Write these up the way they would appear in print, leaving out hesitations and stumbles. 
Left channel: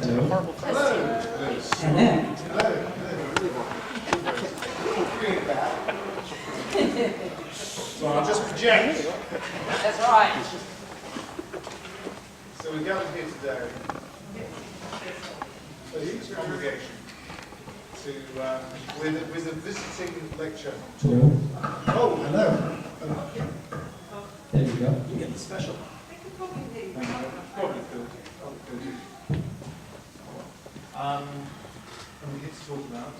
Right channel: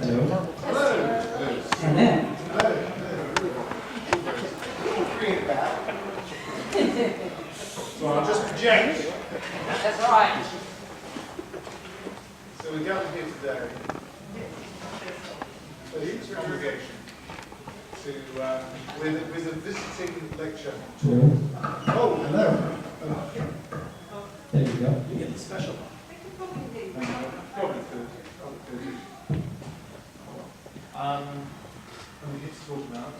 Hello. So I'll just project. That's right. So we're gathered here today, a huge congregation, with a visiting lecture. Hello. Oh, hello. There you go. You get the special one. Probably could. And we're here to talk about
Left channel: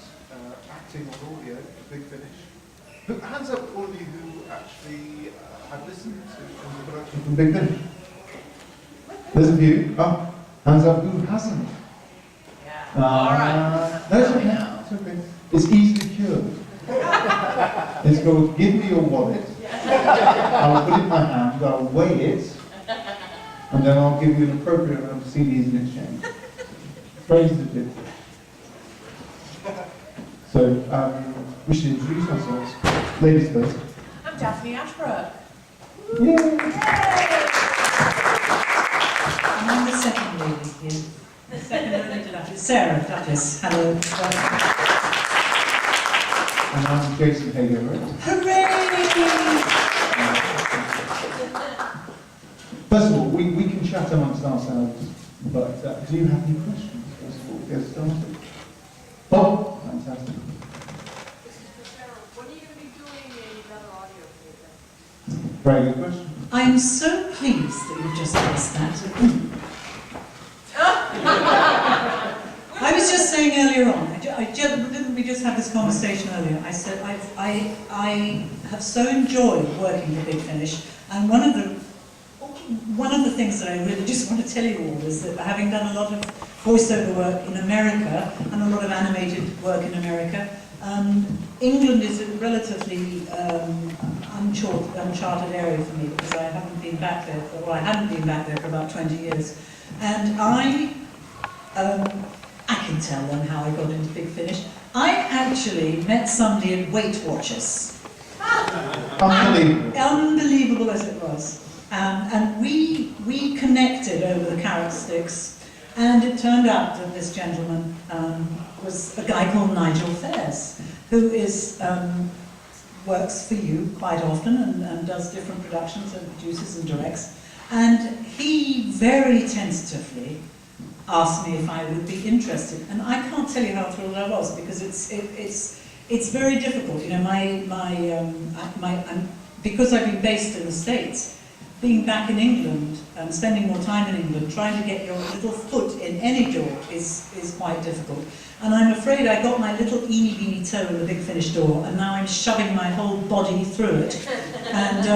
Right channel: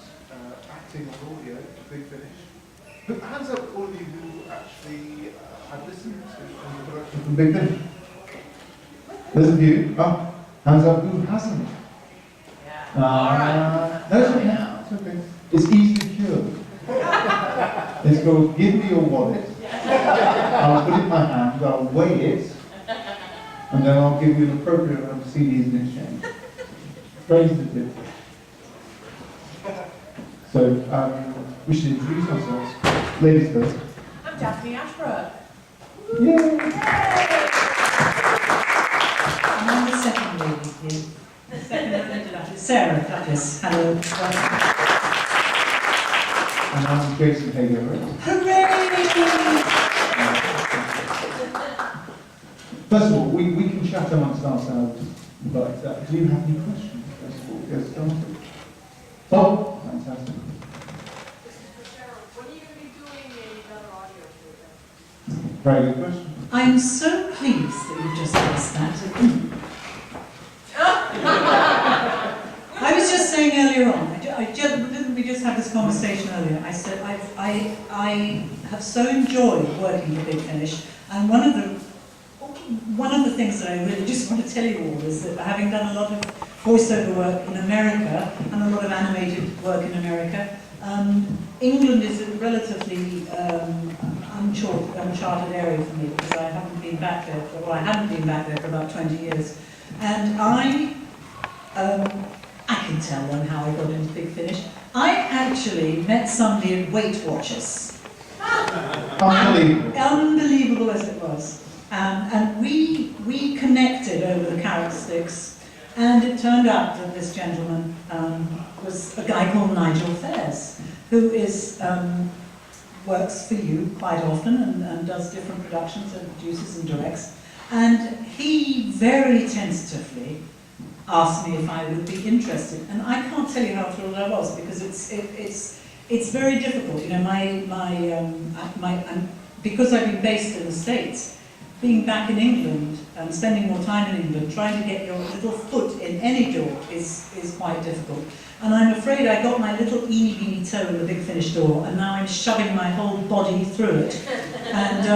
acting on audio, Big Finish. Hands up all of you who actually have listened to the production from Big Finish. There's a few. Oh, hands up who hasn't. Yeah. All right. No, it's okay. It's okay. It's easily cured. It's called give me your wallet. I'll put it in my hand, I'll weigh it, and then I'll give you an appropriate amount of CDs in exchange. Praise the tip. So, we should introduce ourselves. Ladies first. I'm Daphne Ashbrook. Yay! And I'm the second lady here. The second lady, Duchess. Sarah, Duchess. Hello. And I'm Jason Haigh-Ellery. Hooray! First of all, we can chat amongst ourselves, but do you have any questions? First of all, get started. Oh, fantastic. This is for Sarah. When are you going to be doing another audio theater? Very good question. I'm so pleased that you just asked that. I was just saying earlier on, we just had this conversation earlier. I said I have so enjoyed working with Big Finish, and one of the things that I really just want to tell you all is that having done a lot of voiceover work in America and a lot of animated work in America, England is a relatively uncharted area for me because I haven't been back there I hadn't been back there for about 20 years, and I can tell them how I got into Big Finish. I actually met somebody at Weight Watchers. Unbelievable. Unbelievable as it was. And we connected over the carrot sticks, and it turned out that this gentleman was a guy called Nigel Fairs, who works for you quite often and does different productions and produces and directs. And he very tentatively asked me if I would be interested, and I can't tell you how thrilled I was, because it's very difficult. You know, because I've been based in the States, being back in England, spending more time in England, trying to get your little foot in any door is quite difficult. And I'm afraid I got my little eeny-beeny toe in the Big Finish door, and now I'm shoving my whole body through it. And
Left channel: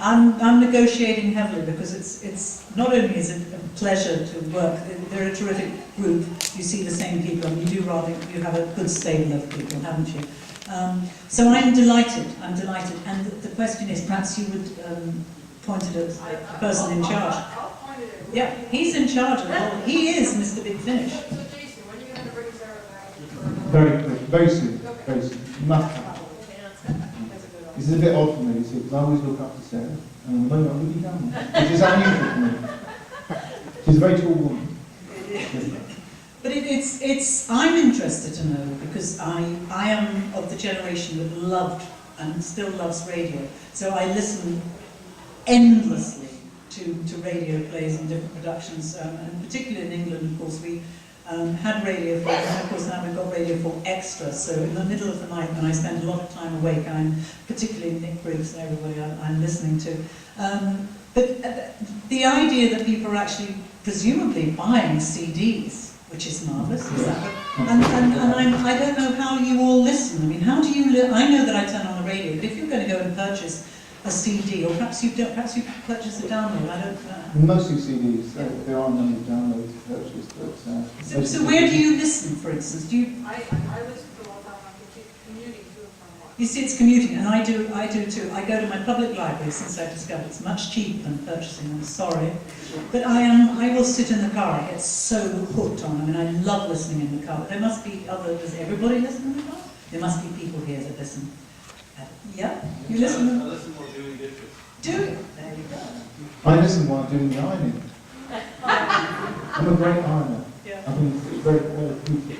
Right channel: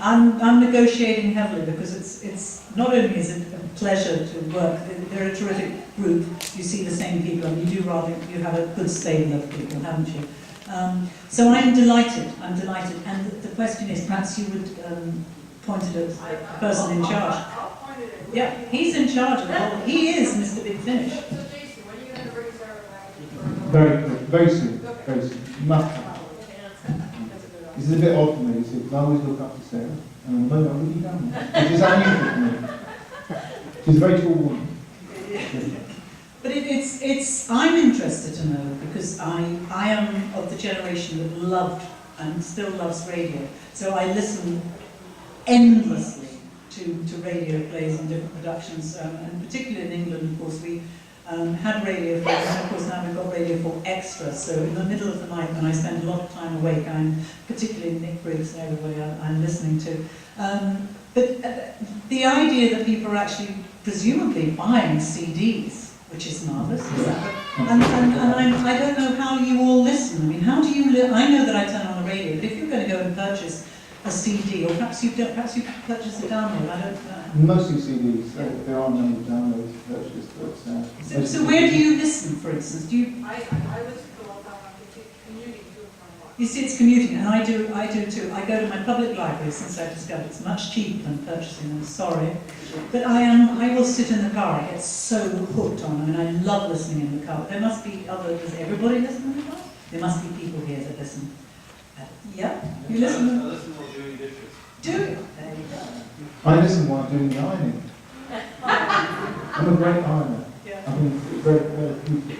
I'm negotiating heavily, because it's not only is it a pleasure to work, they're a terrific group, you see the same people, and you have a good stable of people, haven't you? So I'm delighted, and the question is, perhaps you would pointed at the person in charge. I'll point it at. Yeah, he's in charge of the whole. He is Mr. Big Finish. So Jason, when are you going to bring Sarah back? Very quick, very soon, very soon. Must come. That's a good This is a bit odd for me, you see, because I always look up to Sarah, and at the moment I'm looking down, which is unusual for me. She's a very tall woman. But I'm interested to know, because I am of the generation that loved and still loves radio. So I listen endlessly to radio plays and different productions, and particularly in England, of course, we had Radio 4, and of course now we've got Radio 4 Extra, so in the middle of the night when I spend a lot of time awake, I'm particularly Nick Briggs and everybody I'm listening to. But the idea that people are actually presumably buying CDs, which is marvellous, is that? And I don't know how you all listen. I mean, how do you I know that I turn on the radio, but if you're going to go and purchase a CD, or perhaps you purchase a download, I don't know. Mostly CDs, there are many downloads purchased, but... So where do you listen, for instance? Do you... I listen to a lot of commuting to and from work. You see, it's commuting, and I do too. I go to my public library since I discovered it's much cheaper than purchasing them, sorry. But I will sit in the car, I get so hooked on them, and I love listening in the car. But there must be does everybody listen in the car? There must be people here that listen. Yeah? You listen? I listen while doing dishes. Do you? There you go. I listen while I'm doing the ironing. I'm a great ironer. Yeah. I mean, it's very therapeutic.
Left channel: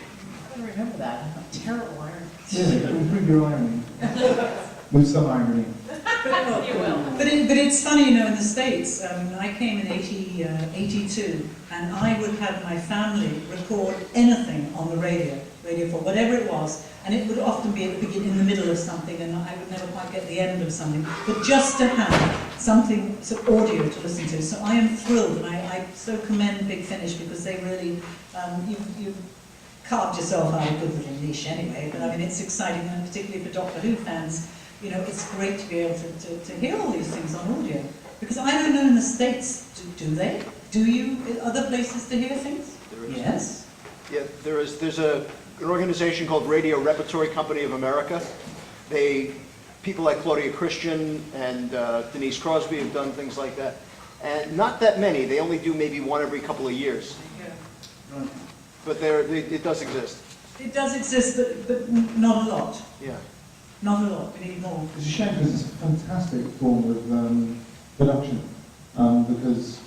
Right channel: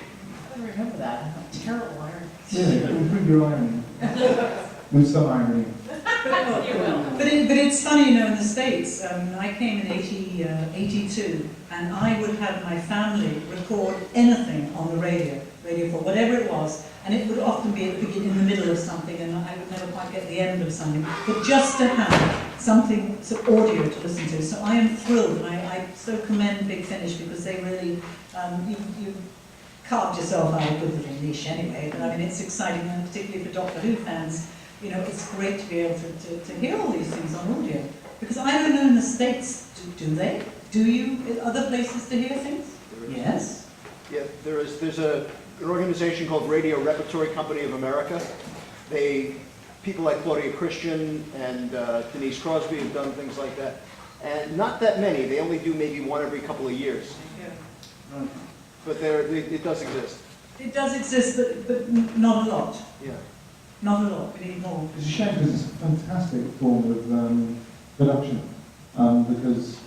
I don't remember that. I'm a terrible iron. Yeah, improve your ironing. With some ironing. You will. But it's funny, you know, in the States, I came in 82, and I would have my family record anything on the radio 4, whatever it was, and it would often be at the beginning, in the middle of something, and I would never quite get the end of something, but just to have something, some audio to listen to. So I am thrilled, and I so commend Big Finish, because they really, you carved yourself out a good little niche anyway, but I mean, it's exciting, and particularly for Doctor Who fans, you know, it's great to be able to hear all these things on audio. Because I don't know in the States, do they? Do you, other places to hear things? Yes? Yeah, there's an organization called Radio Repertory Company of America. People like Claudia Christian and Denise Crosby have done things like that. And not that many, they only do maybe one every couple of years. Right. But it does exist. It does exist, but not a lot. Yeah. Not a lot, we need more. It's a shame because it's a fantastic form of production. Because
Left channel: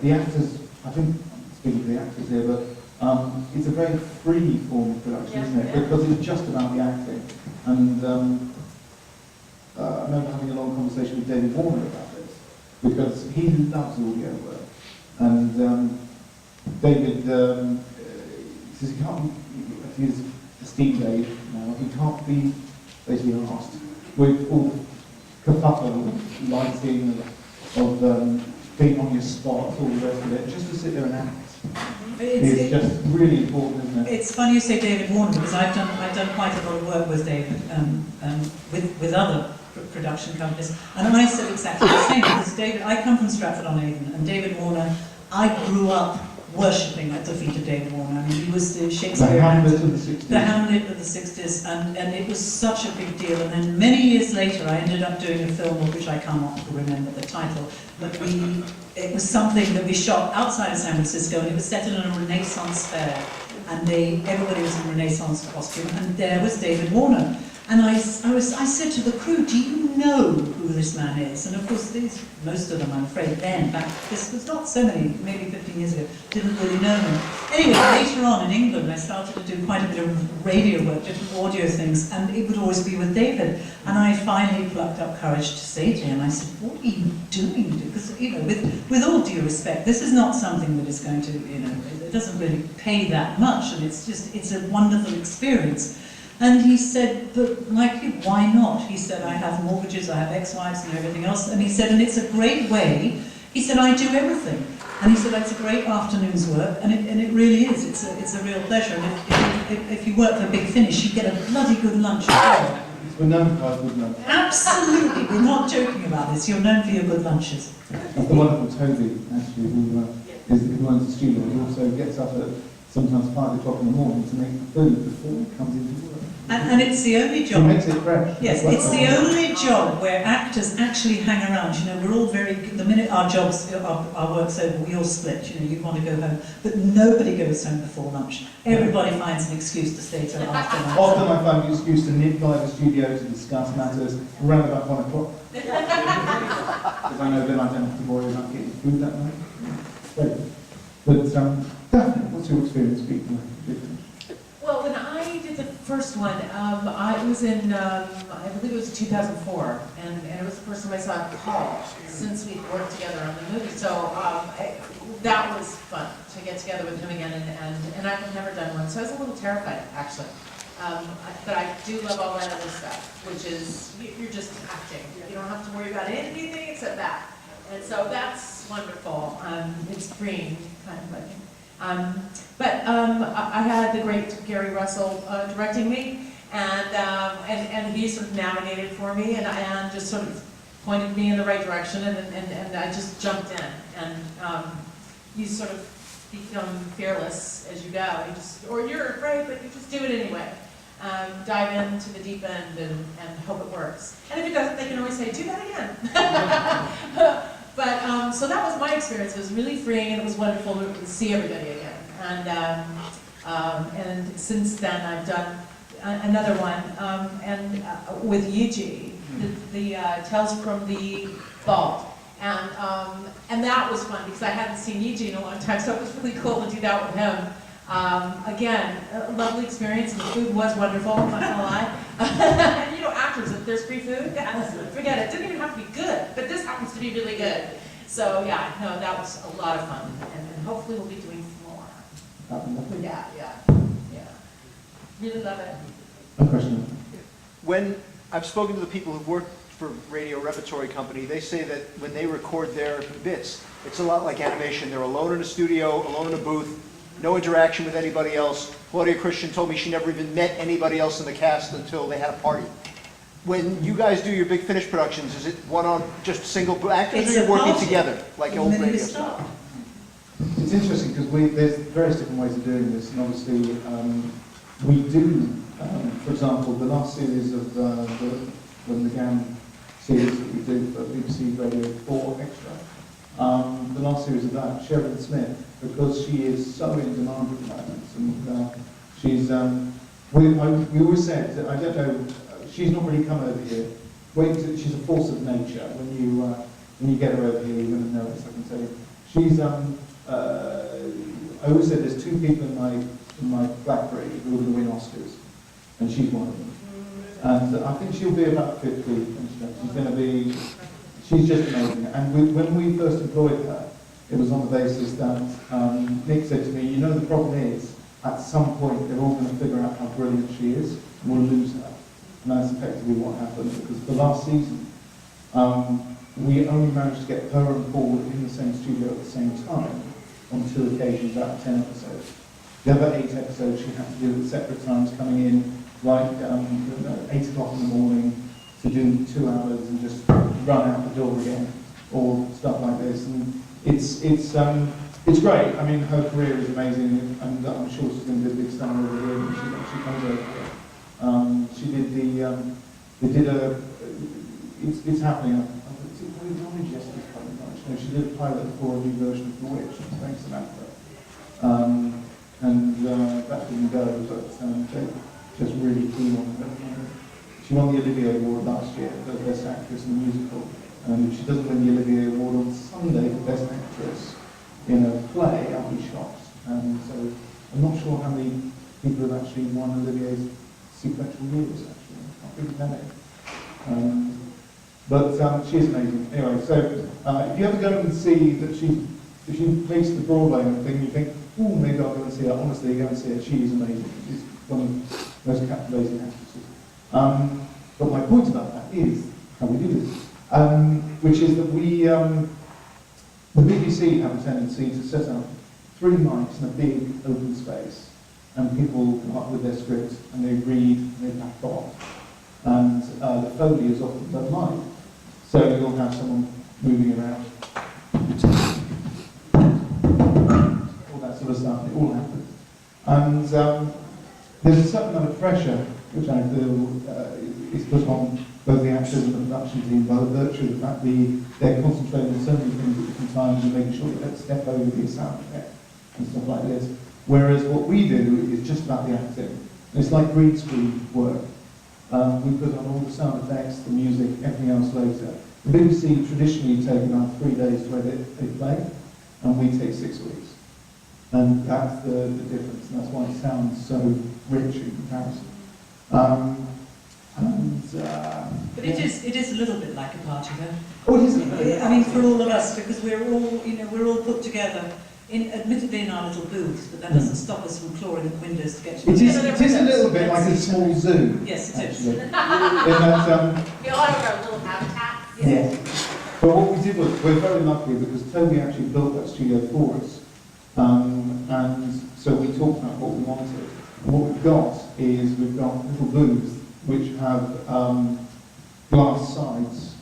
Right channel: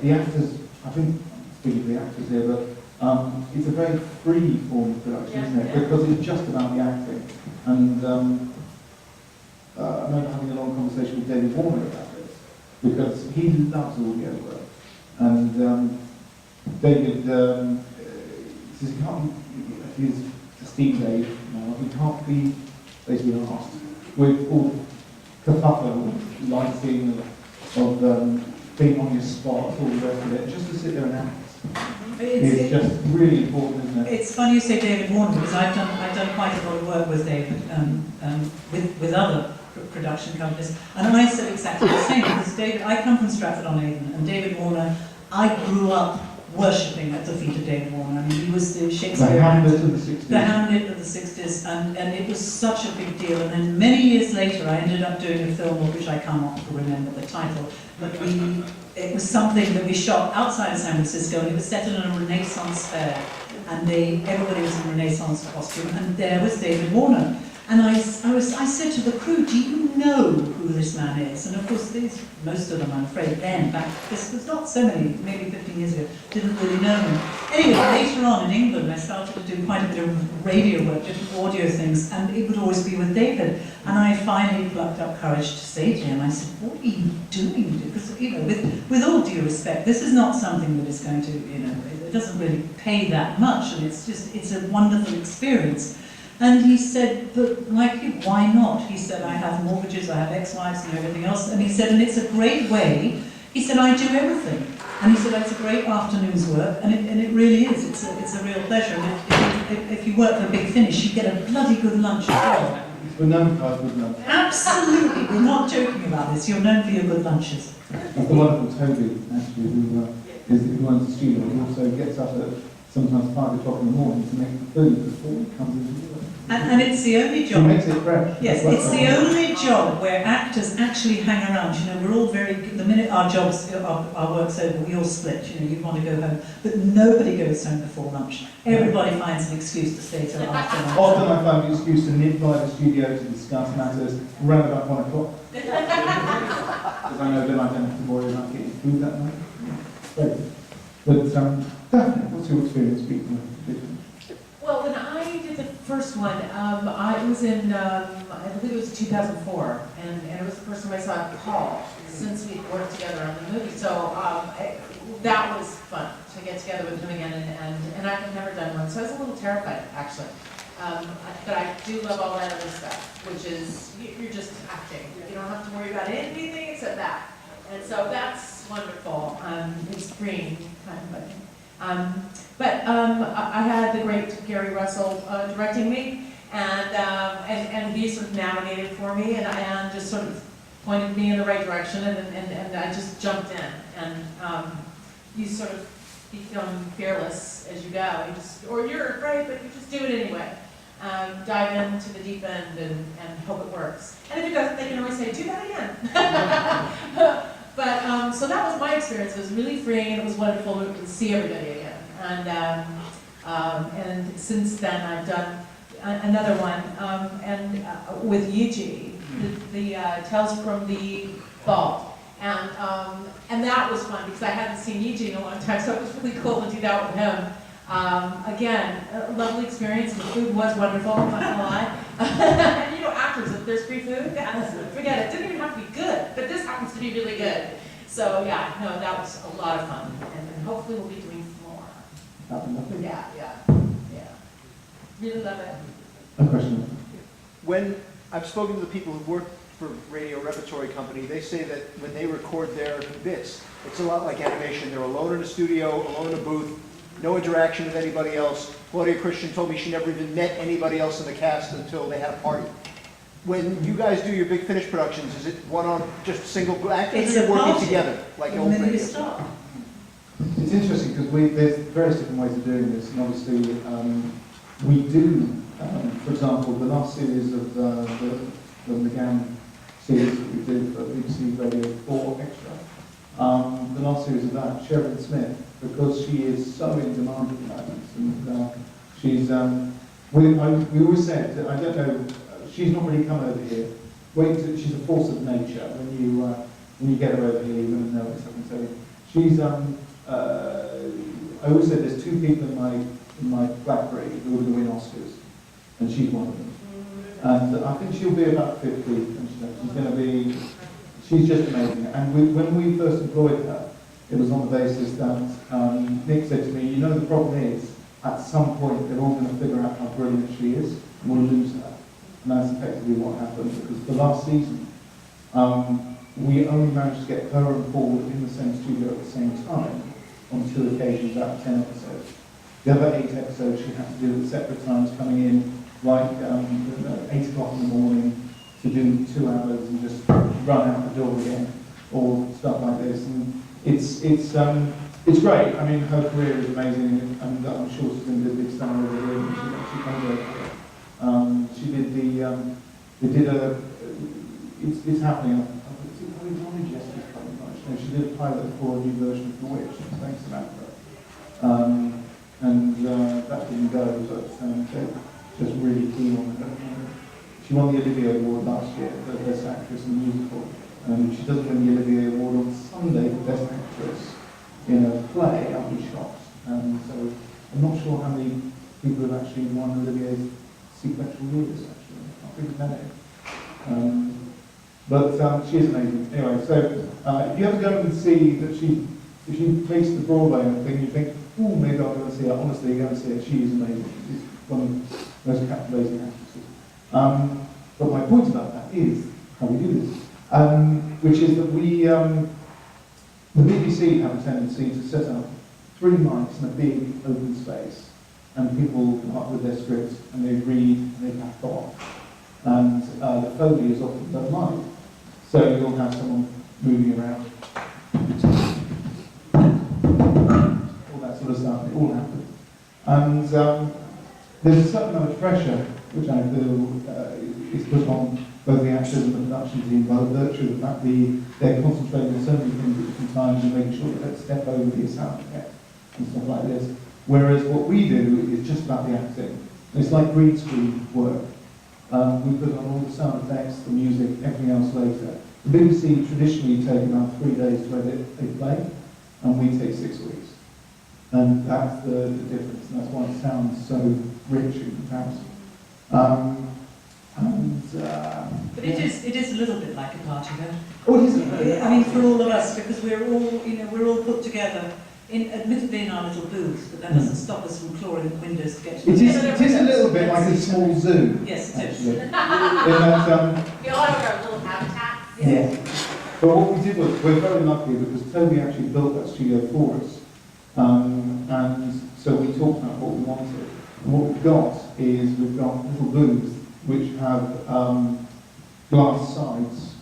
the actors, I think, I'm speaking to the actors here, but it's a very free form of production, isn't it? Because it's just about the acting. And I remember having a long conversation with David Warner about this, because he loves audio work. And David says he can't, if he's esteemed age now, he can't be basically asked with all the kerfuffle of lighting, of being on your spot, all the rest of it, just to sit there and act. It's just really important, isn't it? It's funny you say David Warner, because I've done quite a lot of work with David, with other production companies, and I said exactly the same, because David, I come from Stratford-on-Avon, and David Warner, I grew up worshipping at the feet of David Warner. I mean, he was the Shakespeare The Hamlet actor, of the 60s. the Hamlet of the 60s, and it was such a big deal. And then many years later, I ended up doing a film of which I cannot remember the title, but it was something that we shot outside of San Francisco, and it was set in a Renaissance fair, and everybody was in Renaissance costume, and there was David Warner. And I said to the crew, do you know who this man is? And of course, most of them, I'm afraid, then, back, this was not so many, maybe 15 years ago, didn't really know him. Anyway, later on in England, I started to do quite a bit of radio work, different audio things, and it would always be with David. And I finally plucked up courage to say to him, I said, what are you doing? Because, you know, with all due respect, this is not something that is going to, you know, it doesn't really pay that much, and it's a wonderful experience. And he said, but like you, why not? He said, I have mortgages, I have ex-wives and everything else. And he said, and it's a great way. He said, I do everything. And he said, it's a great afternoon's work, and it really is. It's a real pleasure. And if you work for Big Finish, you get a bloody good lunch as well. We're known for our good lunch. Absolutely, we're not joking about this. You're known for your good lunches. That's the wonderful Toby, actually, who runs the studio. He also gets up at sometimes 5 o'clock in the morning to make the food before he comes into work. And it's the only job. He makes it fresh. Yes, it's the only job where actors actually hang around. You know, we're all very, the minute our work's over, we all split. You know, you want to go home. But nobody goes home before lunch. Everybody finds an excuse to stay till after lunch. Often I find the excuse to nip by the studio to discuss matters around about 1 o'clock. Because I know then I don't have to worry about getting food that night. Great. But Daphne, what's your experience speaking with Big Finish? Well, when I did the first one, I was in, I believe it was 2004, and it was the first time I saw Paul since we worked together on the movie. So that was fun to get together with him again, and I've never done one, so I was a little terrified, actually. But I do love all that other stuff, which is, you're just acting. You don't have to worry about anything except that. And so that's wonderful. It's freeing, kind of, I think. But I had the great Gary Russell directing me, and he sort of navigated for me, and just sort of pointed me in the right direction, and I just jumped in. And you sort of become fearless as you go. Or you're afraid, but you just do it anyway. Dive into the deep end and hope it works. And if it doesn't, they can always say, do that again. But, so that was my experience. It was really freeing, and it was wonderful to see everybody again. And since then, I've done another one, with Yuji, the Tales from the Vault. And that was fun because I hadn't seen Eugene in a long time, so it was really cool to do that with him. Again, a lovely experience. The food was wonderful, I'm not gonna lie. And you know, actors, if there's free food, forget it. It didn't even have to be good, but this happens to be really good. So yeah, no, that was a lot of fun, and hopefully we'll be doing more. Yeah. Really love it. A question. When I've spoken to the people who've worked for Radio Repertory Company, they say that when they record their bits, it's a lot like animation. They're alone in a studio, alone in a booth, no interaction with anybody else. Claudia Christian told me she never even met anybody else in the cast until they had a party. When you guys do your big finish productions, is it just single actors, It's or a you're working party. together, like The old minute we radio? start. It's interesting because there's various different ways of doing this, and obviously we do, for example, the last series of the McGann series that we did for BBC Radio 4 Extra, the last series of that, Sheridan Smith, because she is so in demand at the moment, and she's, we always said, that, I don't know, she's not really come over here. She's a force of nature. When you get her over here, you're going to notice, I can tell you. She's, I always said there's two people in my BlackBerry who are going to win Oscars, and she's one of them. And I think she'll be about 50, and she's going to be, she's just amazing. And when we first employed her, it was on the basis that Nick said to me, you know, the problem is, at some point they're all going to figure out how brilliant she is, and we'll lose her. And that's effectively what happened, because the last season, we only managed to get her and Paul in the same studio at the same time on 2 occasions out of 10 episodes. The other 8 episodes she had to do at separate times, coming in like 8 o'clock in the morning to do 2 hours and just run out the door again, or stuff like this. And it's great. I mean, her career is amazing, and I'm sure she's going to do a big star over here when she comes over here. She did it's happening. No, she did a pilot for a new version of Bewitched, thanks to Samantha. That didn't go, but they're just really keen on her. She won the Olivier Award last year for Best Actress in a Musical. And if she doesn't win the Olivier Award on Sunday for Best Actress in a play, I'll be shocked. So I'm not sure how many people have actually won Olivier's sequential years, actually. Not really many. But she is amazing. Anyway, so if you ever go and see that if she makes the Broadway and thing, you think, oh, maybe I'll go and see her. Honestly, go and see her. She is amazing. She's one of the most captivating actresses. But my point about that is how we do this, which is that the BBC have a tendency to set up 3 mics in a big open space, and people come up with their scripts and they read and they back off. And the Foley is often done live. So you'll have someone moving around, all that sort of stuff, it all happens. And there's a certain amount of pressure which I feel is put on both the actors and the production team by the virtue of the fact they're concentrating on so many things at different times and making sure that they don't step over the sound effect and stuff like this. Whereas what we do is just about the acting. And it's like green screen work. We put on all the sound effects, the music, everything else later. The BBC traditionally take about 3 days to edit a play, and we take 6 weeks. And that's the difference, and that's why it sounds so rich in comparison. But it is a little bit like a party, though. Oh, it is. I mean, for all of us, because we're all put together, admittedly in our little booth, but that doesn't stop us from clawing at windows to get to It is a little bit like a small zoo. Yes, it is. In that, We all have our little habitats. yeah. But what we did was, we're very lucky because Toby actually built that studio for us. And so we talked about what we wanted. And what we've got is we've got little booths which have glass sides.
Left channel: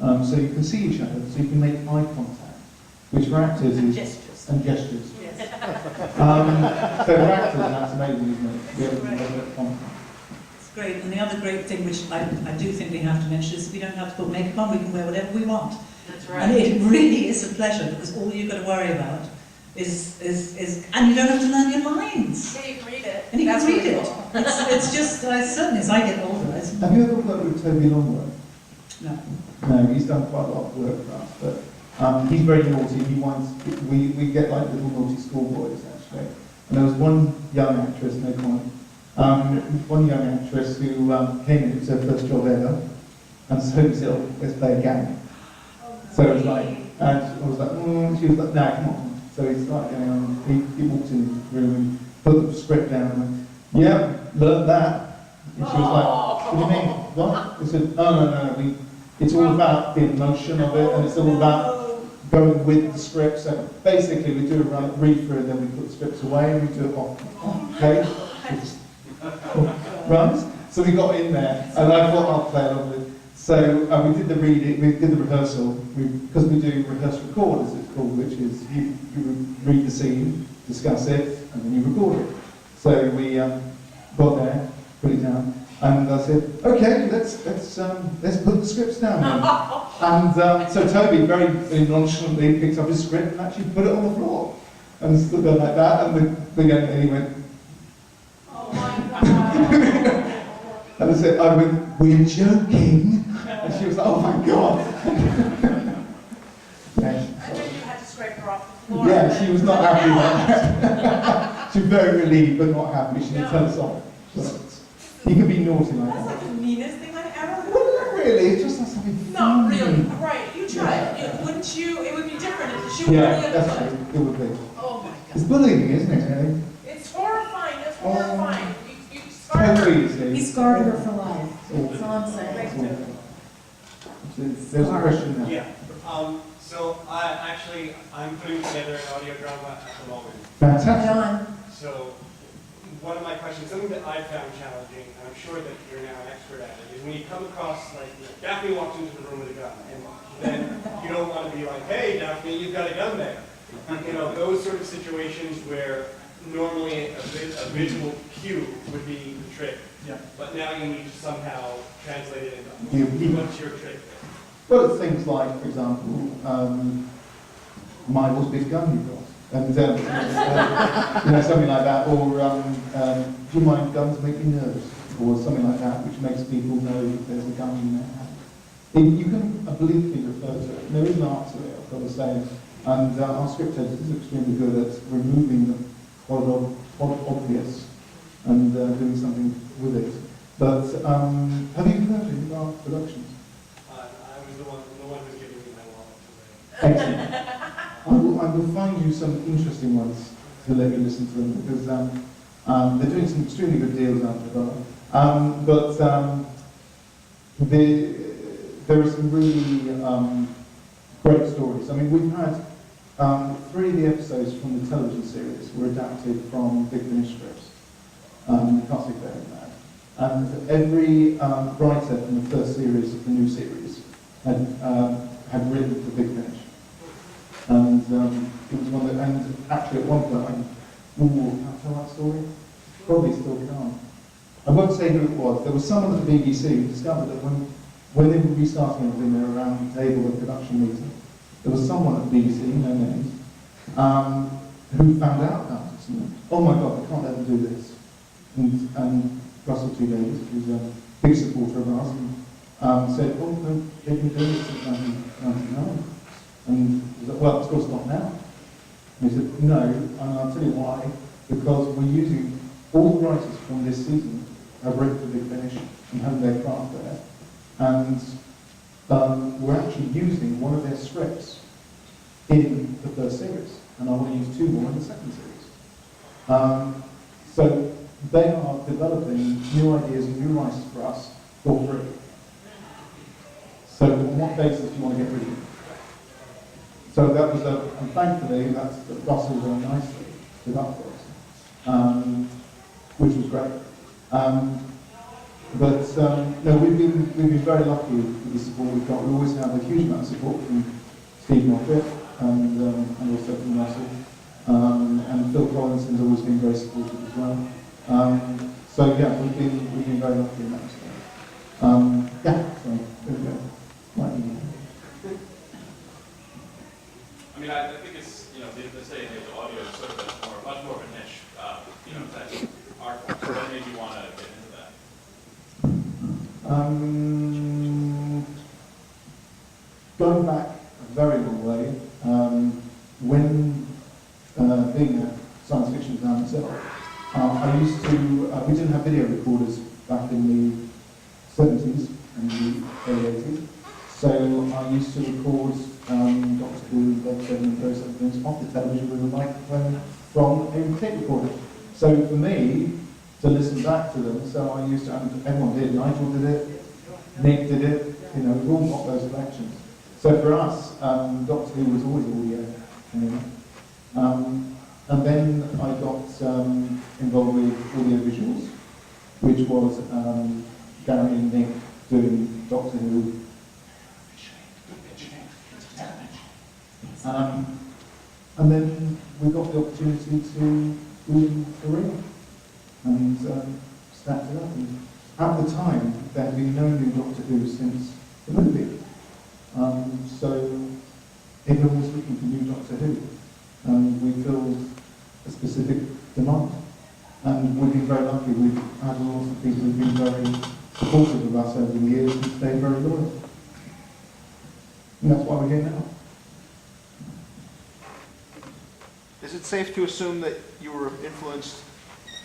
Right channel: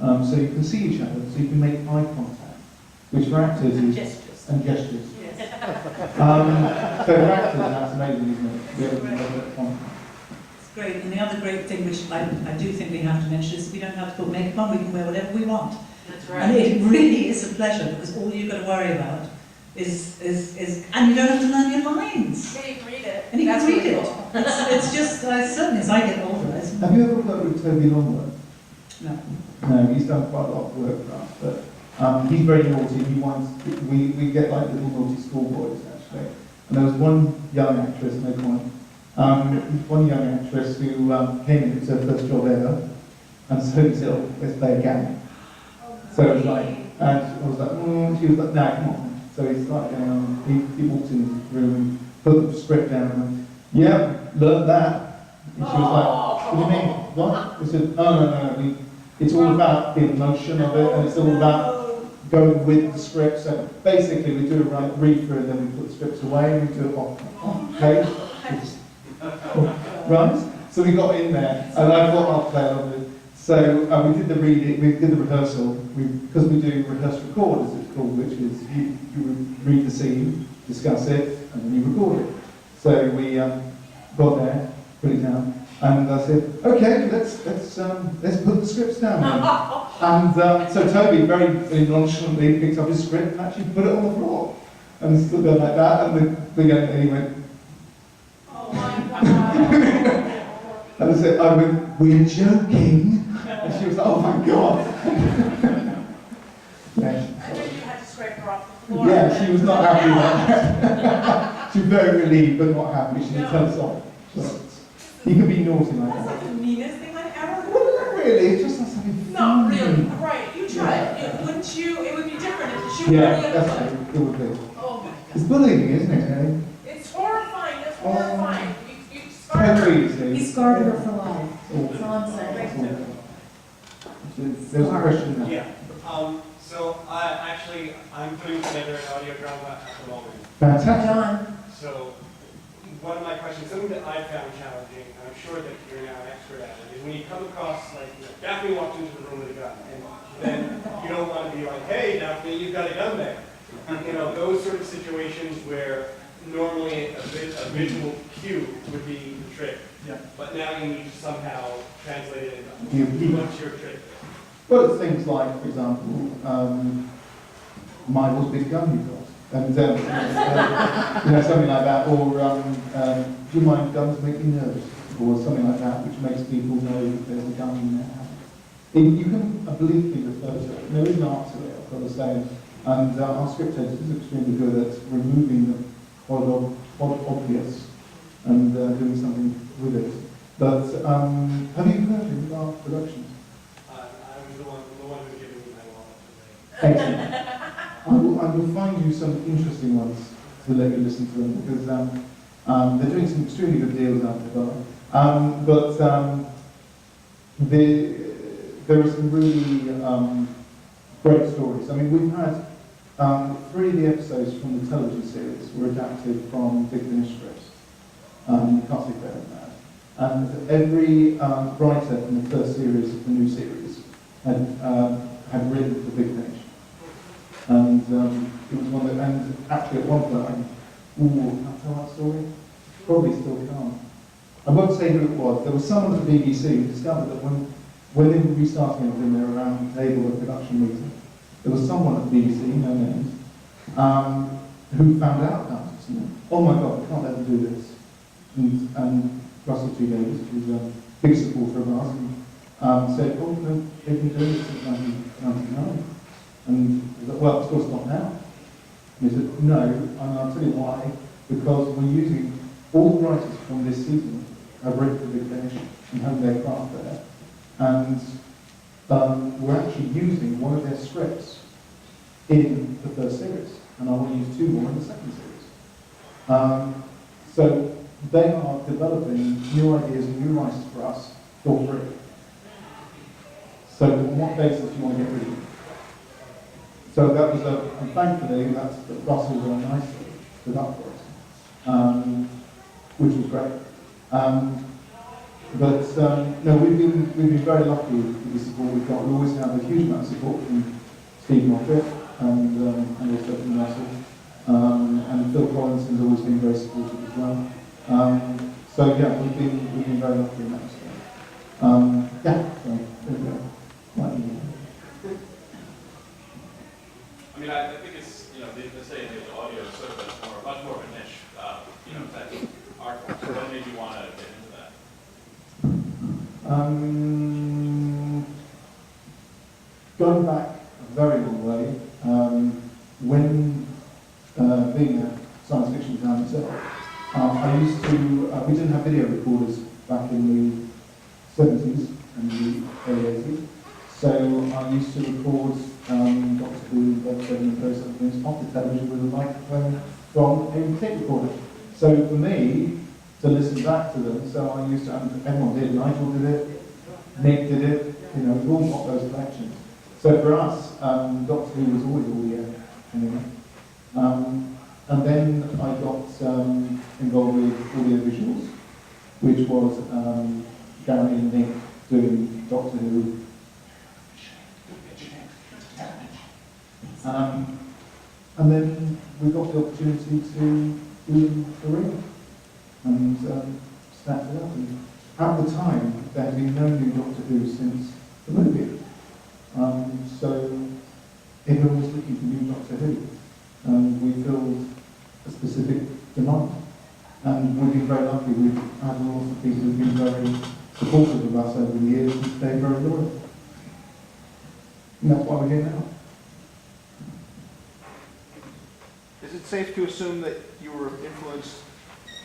So you can see each other, so you can make eye contact, which for actors is... Gestures. And gestures. Yes. So for actors, that's amazing, isn't it? To be able to make that contact. It's great. And the other great thing, which I do think we have to mention, is we don't have to put makeup on, we can wear whatever we want. That's And it really is a pleasure, because all you've got to worry about is and you don't have to learn your lines. Yeah, you can read it. And you That's can read really it. cool. It's just, certainly as I get older, Have you ever worked with Toby Longworth? no. No, he's done quite a lot of work for us, but He's very naughty. We get like little naughty schoolboys actually. And there was one young actress, no comment, one young actress who came in, it was her first job ever, and so he said, oh, let's play a game. So it was like, and I was like, she was like, no, come on. So he started going on, he walked in the room and put the script down and went, yeah, learned that. And she was like, what do you mean? What? I said, oh, no, it's all about the emotion of it, and it's all about going with the script. So basically we do a read through and then we put the scripts away and we do it off page. Right? So we got in there and I thought I'll play along with it. So we did the reading, we did the rehearsal, because we do rehearse record as it's called, which is you read the scene, discuss it, and then you record it. So we got there, put it down, and I said, okay, let's put the scripts down then. And so Toby very nonchalantly picked up his script and actually put it on the floor and stood there like that, and the young lady went, Oh my God. and I went, we're joking. And she was like, oh my God. Yeah, I bet you had to scrape her off the floor. yeah, she was not happy about that. She was very relieved but not happy. She didn't tell us off. So, you can be naughty like That's that. like the meanest thing I've ever Well, heard. not really, it's just us having fun. Not really, right, you tried. Wouldn't you, it would be different if she were Yeah, the other that's way. true. It would be. Oh my It's God. bullying, isn't it, Ellie? It's horrifying, it's Oh. horrifying. You scarred her. Totally easy. He scarred her for life. Oh. That's all I'm saying. There's a question there. Yeah, so I'm putting together an audio drama at the moment. Fantastic. John, So one of my questions, something that I found challenging, and I'm sure that you're now an expert at it, is when you come across, like, Daphne walks into the room with a gun, and then you don't want to be like, hey, Daphne, you've got a gun there. You know, those sort of situations where normally a visual cue would be the trick. Yeah. But now you need to somehow translate it You- into what's your trick? Well, it's things like, for example, Michael's big gun you've got. And, you know, something like that. Or, do you mind guns make me nervous? Or something like that, which makes people know that there's a gun in their hand. You can obliquely refer to it. There is an art to it, I've got to say. And our script editor is extremely good at removing the quite obvious and doing something with it. But have you heard of our productions? I was the one who's giving me my wallet away. Excellent. I will find you some interesting ones to let you listen to them, because they're doing some extremely good deals out there. There are some really great stories. I mean, we've had 3 of the episodes from the television series were adapted from Big Finish scripts. You can't see better than that. And every writer from the first series of the new series had written for Big Finish. And it was one that, and actually at one point, can I tell that story? Probably still can't. I won't say who it was. There was someone at the BBC who discovered that when they were restarting everything, they were around the table at production meeting. There was someone at the BBC, no names, who found out about it and went, oh my God, we can't let them do this. And Russell T. Davies, who's a big supporter of ours, said, oh, no, they've been doing it since 1999. And he said, well, of course not now. And he said, no, and I'll tell you why. Because we're using, all the writers from this season have written for Big Finish and have their craft there. And we're actually using one of their scripts in the first series. And I want to use 2 more in the second series. So they are developing new ideas and new writers for us for free. So on what basis do you want to get rid of them? So that was and thankfully that's Russell very nicely stood up for us, which was great. No, we've been very lucky with the support we've got. We always have a huge amount of support from Steve Moffat and also from Russell. And Phil Collinson's always been very supportive as well. So yeah, we've been very lucky in that respect. Yeah, so there we go. Right. I mean, I think it's, you know, they say the audio is sort of much more of a niche, you know, that art form. So what made you want to get into that? Going back a very long way, being a science fiction fan myself, I used to, we didn't have video recorders back in the 70s and the early 80s, so I used to record Doctor Who, Led Zeppelin and those other things off the television with a microphone from a tape recorder. So for me, to listen back to them, so I used to, and everyone did, Nigel did it, Nick did it, you know, we've all got those collections. So for us, Doctor Who was always audio, anyway. And then I got involved with audio visuals, which was Gary and Nick doing Doctor Who. And then we got the opportunity to do them for real and stacked it up. And at the time, there had been no new Doctor Who since the movie. So everyone was looking for new Doctor Who. And we filled a specific demand. And we've been very lucky. We've had lots of people who've been very supportive of us over the years and stayed very loyal. And that's why we're here now. Is it safe to assume that you were influenced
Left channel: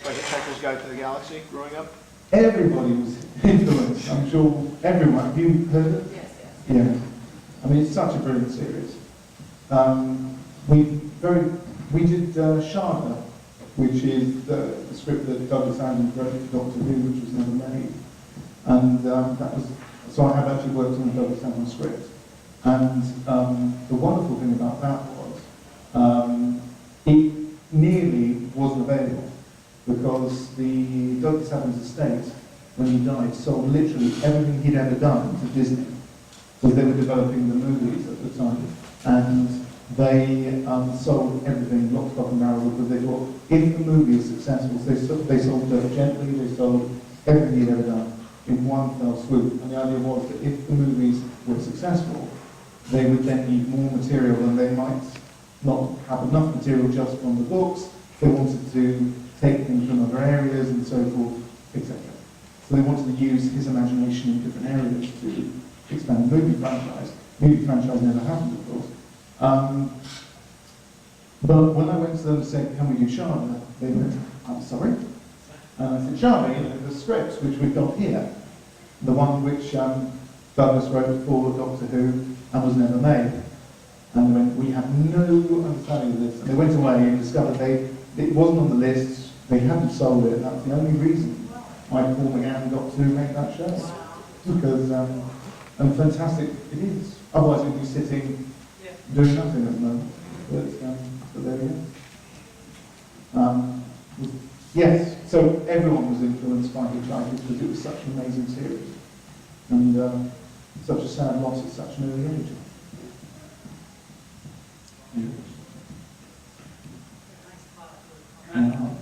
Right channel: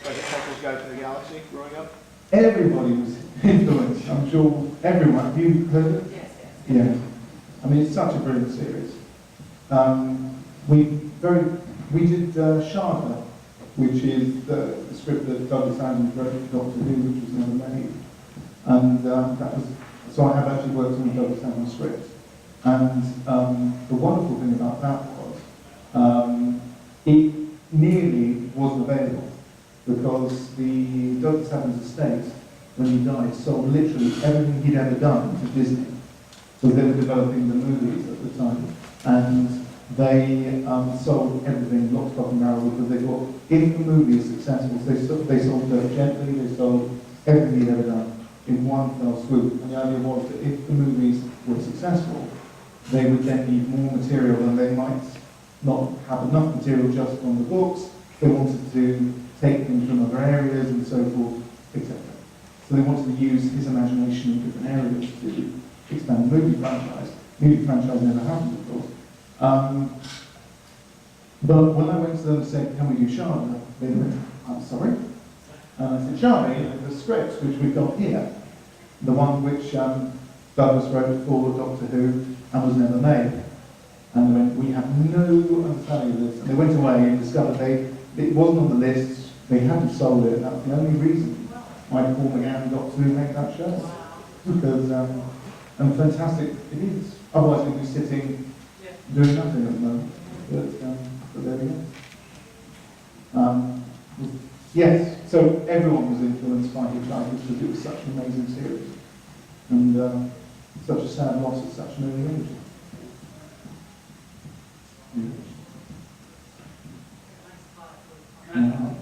by the Hitchhiker's Guide to the Galaxy growing up? Everybody was influenced. I'm sure everyone. Have you heard it? Yes, yes. Yeah. I mean, it's such a brilliant series. We did Sharda, which is the script that Douglas Adams wrote for Doctor Who, which was never made. And that was, so I have actually worked on a Douglas Adams script. And the wonderful thing about that was it nearly wasn't available because the Douglas Adams estate, when he died, sold literally everything he'd ever done to Disney. So they were developing the movies at the time, and they sold everything, lock, stock and barrel, because they thought if the movie is successful, they sold Dirk Gently, they sold everything he'd ever done in one fell swoop. And the idea was that if the movies were successful, they would then need more material and they might not have enough material just from the books. They wanted to take things from other areas and so forth, etc. So they wanted to use his imagination in different areas to expand the movie franchise. Movie franchise never happened, of course. But when I went to them and said, can we do Sharda? They went, I'm sorry? And I said, Sharda, you know, the script which we've got here, the one which Douglas wrote for Doctor Who and was never made. And they went, we have no understanding of this. And they went away and discovered it wasn't on the list, they hadn't sold it, and that's the only reason why Paul McGann got to make that show. Because, and fantastic it is. Otherwise we'd be sitting doing nothing at the moment. But there we go. Yes, so everyone was influenced by Hitchhiker because it was such an amazing series. And such a sad loss at such an early age.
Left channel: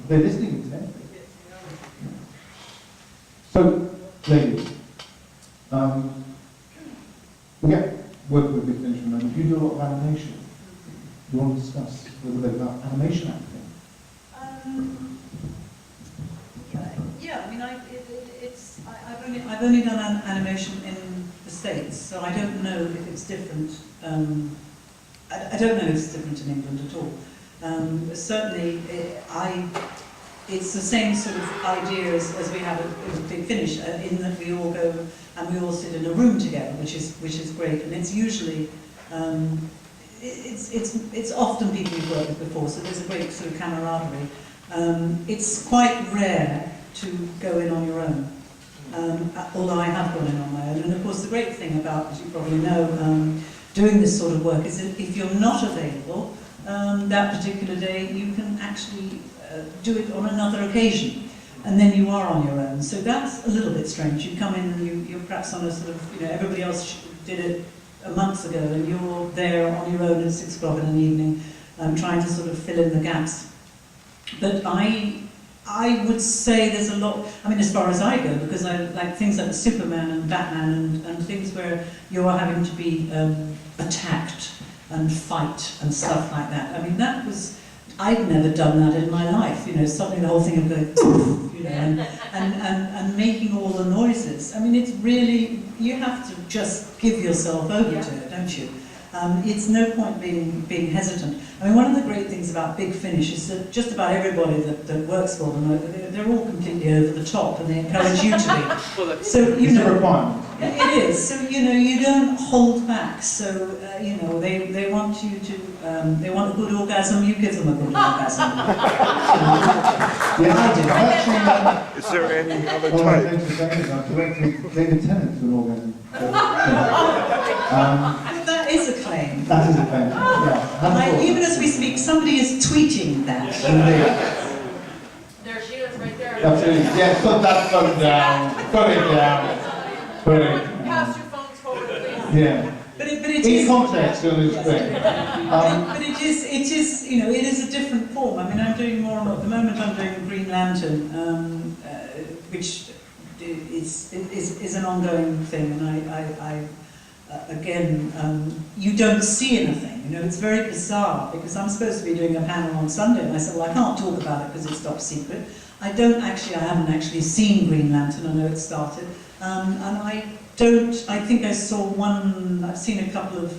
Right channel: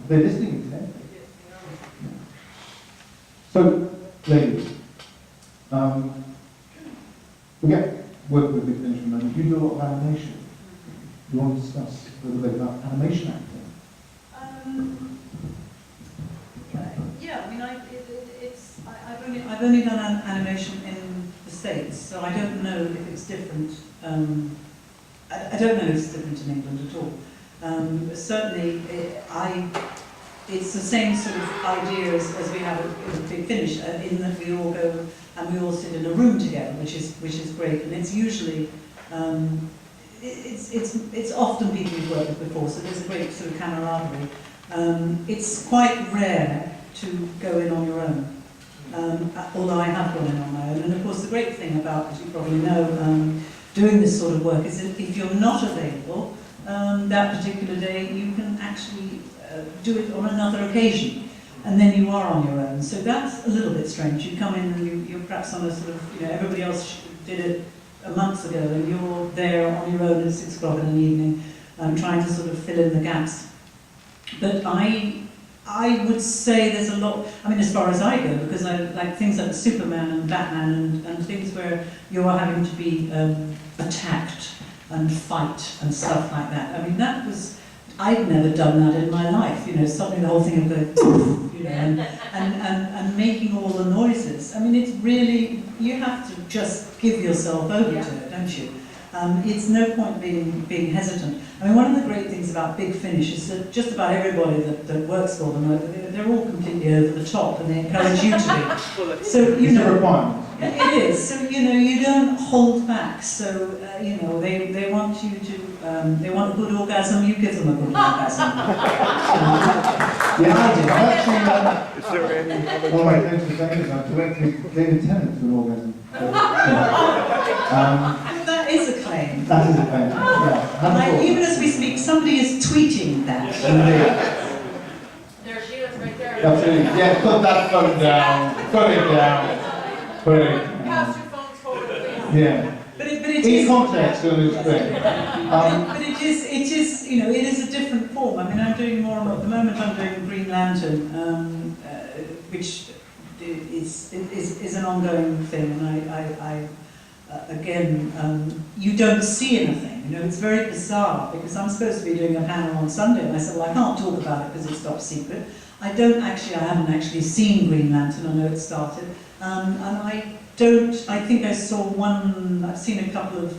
They're listening intently. So, ladies, we get work with Big Finish for a moment. You do a lot of animation. Do you want to discuss a little bit about animation acting? Yeah, I mean, I've only done animation in the States, so I don't know if it's different. I don't know if it's different in England at all. Certainly, it's the same sort of idea as we have at Big Finish, in that we all go and we all sit in a room together, which is great, and it's usually it's often people you've worked with before, so there's a great sort of camaraderie. It's quite rare to go in on your own, although I have gone in on my own. And of course, the great thing about, as you probably know, doing this sort of work is that if you're not available that particular day, you can actually do it on another occasion, and then you are on your own. So that's a little bit strange. You come in and you're perhaps on a sort of, you know, everybody else did it months ago, and you're there on your own at 6 o'clock in the evening, trying to sort of fill in the gaps. But I would say there's a lot, I mean, as far as I go, because I like things like Superman and Batman and things where you are having to be attacked and fight and stuff like that. I mean, that was, I'd never done that in my life, you know, suddenly the whole thing of going, you know, and making all the noises. I mean, it's really, you have to just give yourself over to it, don't you? It's no point being hesitant. I mean, one of the great things about about Big Finish is that just about everybody that works for them, they're all completely over the top, and they encourage you to be. So, you It's a know, requirement. it is. So, you know, you don't hold back. So, you know, they want you to, they want a good orgasm, you give them a good orgasm. Yeah, I do. actually, Is there any other one of my type? things to say is I've directed David Tennant to an orgasm. That is a claim. That is a thing. Yeah. Even as we speak, somebody is tweeting that. Indeed. There she is, right there. Absolutely. Yeah, put that phone down. Put it down. Put it Pass down. your phones forward, please. Yeah. But it In is. context, it is great. But it is, you know, it is a different form. I mean, I'm doing more and more. At the moment, I'm doing Green Lantern, which is an ongoing thing, and again, you don't see anything. You know, it's very bizarre because I'm supposed to be doing a panel on Sunday, and I said, well, I can't talk about it because it's top secret. I haven't actually seen Green Lantern. I know it started, and I think I saw one. I've seen a couple of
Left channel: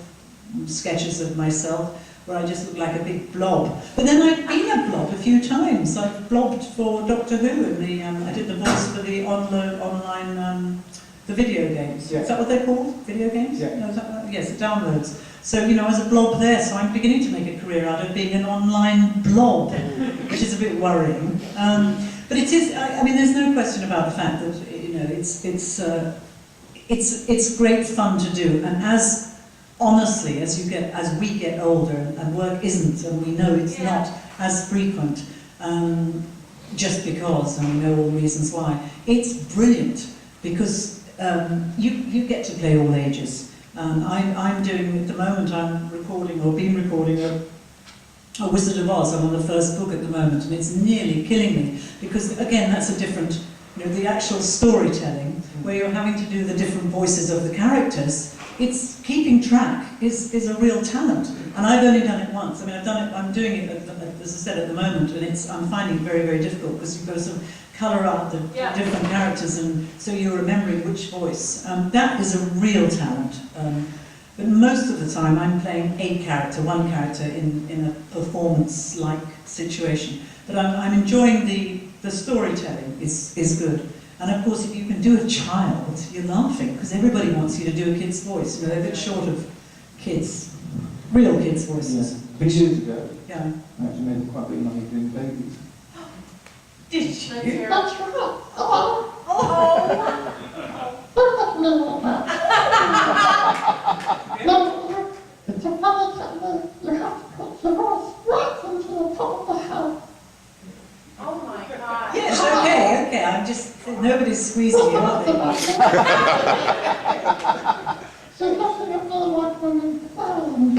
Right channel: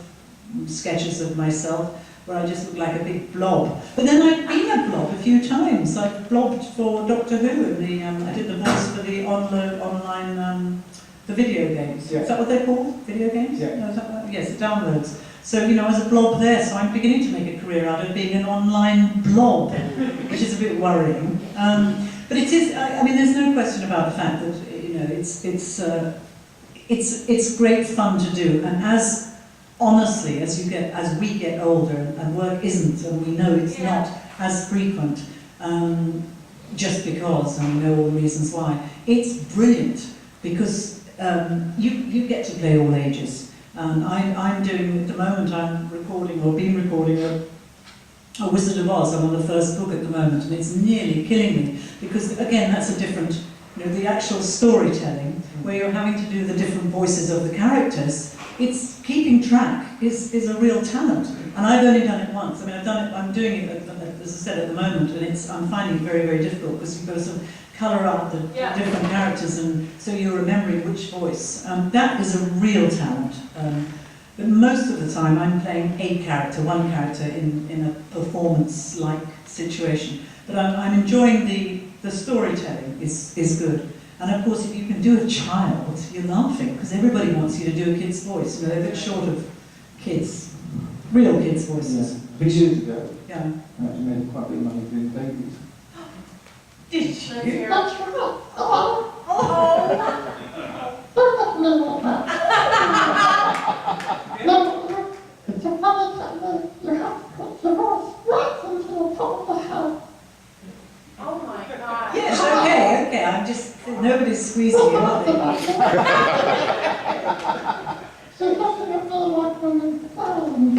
sketches of myself where I just look like a big blob. But then I've been a blob a few times. I've blobbed for Doctor Who, and I did the voice for the online, the video games. Yeah. Is that what they're called? Video games? Yeah. No, is that what, yes, the downloads. So, you know, as a blob there, so I'm beginning to make a career out of being an online blob, which is a bit worrying. But it is, I mean, there's no question about the fact that, you know, it's great fun to do, and honestly, as we get older and work isn't, and we know it's not as frequent, just because, and we know all the reasons why, it's brilliant because you get to play all ages. I'm doing, at the moment, I'm recording, or been recording a Wizard of Oz. I'm on the first book at the moment, and it's nearly killing me because, again, that's a different, you know, the actual storytelling, where you're having to do the different voices of the characters. It's keeping track is a real talent, and I've only done it once. I mean, I'm doing it, as I said, at the moment, and I'm finding it very, very difficult because you've got to sort of colour out the different characters, and so you're remembering which voice. That is a real talent. But most of the time, I'm playing one character in a performance-like situation. But I'm enjoying the storytelling is good. And of course, if you can do a child, you're laughing, because everybody wants you to do a kid's voice. You know, they're a bit short of kids, real kids' voices. Yeah. 3 years ago, Yeah. I actually made quite a bit of money doing babies. Did Let's you? hear it. That's right. No, it's a funny thing. You have to put your voice right into the top of the head. Oh my God. Yes, okay, I'm just, nobody's squeezing you, are they? So nothing of me like women flying.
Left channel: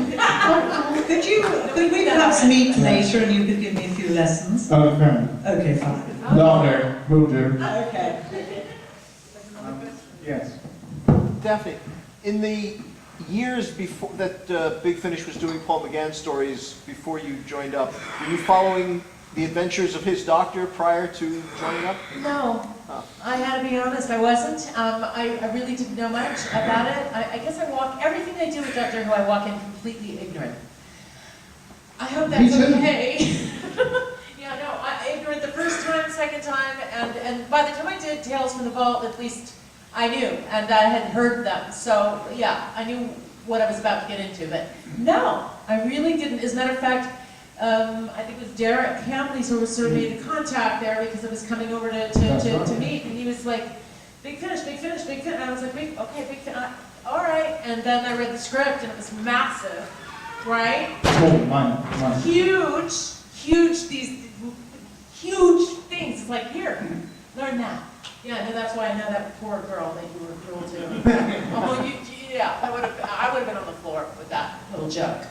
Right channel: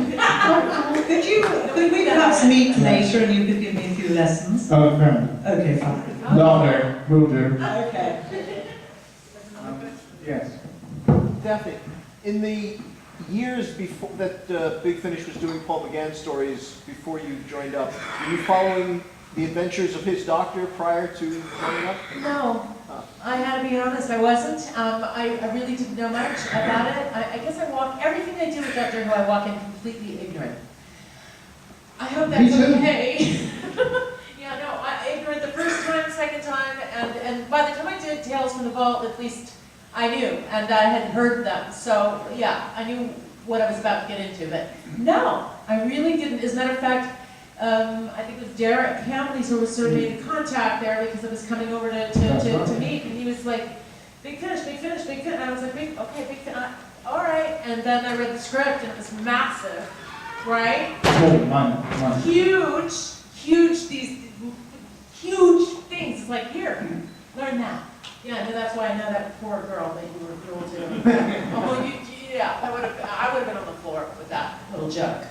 Could we perhaps meet later and you could give me a few lessons? Oh, fair enough. Okay, fine. Lovely, will do. Okay. Yes. Daphne, in the years before that Big Finish was doing Paul McGann stories before you joined up, were you following the adventures of his doctor prior to joining up? No, I had to be honest, I wasn't. I really didn't know much about it. I guess everything I do with Doctor Who, I walk in completely ignorant. I hope Me that's too. okay. Yeah, no, ignorant the first time, second time, and by the time I did Tales from the Vault, at least I knew, and I had heard them. So, yeah, I knew what I was about to get into, but no, I really didn't. As a matter of fact, I think it was Derek Campley who sort of made the contact there because I was coming over to meet, and he was like, Big Finish, Big Finish, Big Finish. And I was like, Big Finish, all right. And then I read the script, and it was massive, right? Oh, mine. These huge things. It's like, here, learn that. Yeah, no, that's why I know that poor girl that you were cruel to. Oh, yeah, I would have been on the floor with that little joke.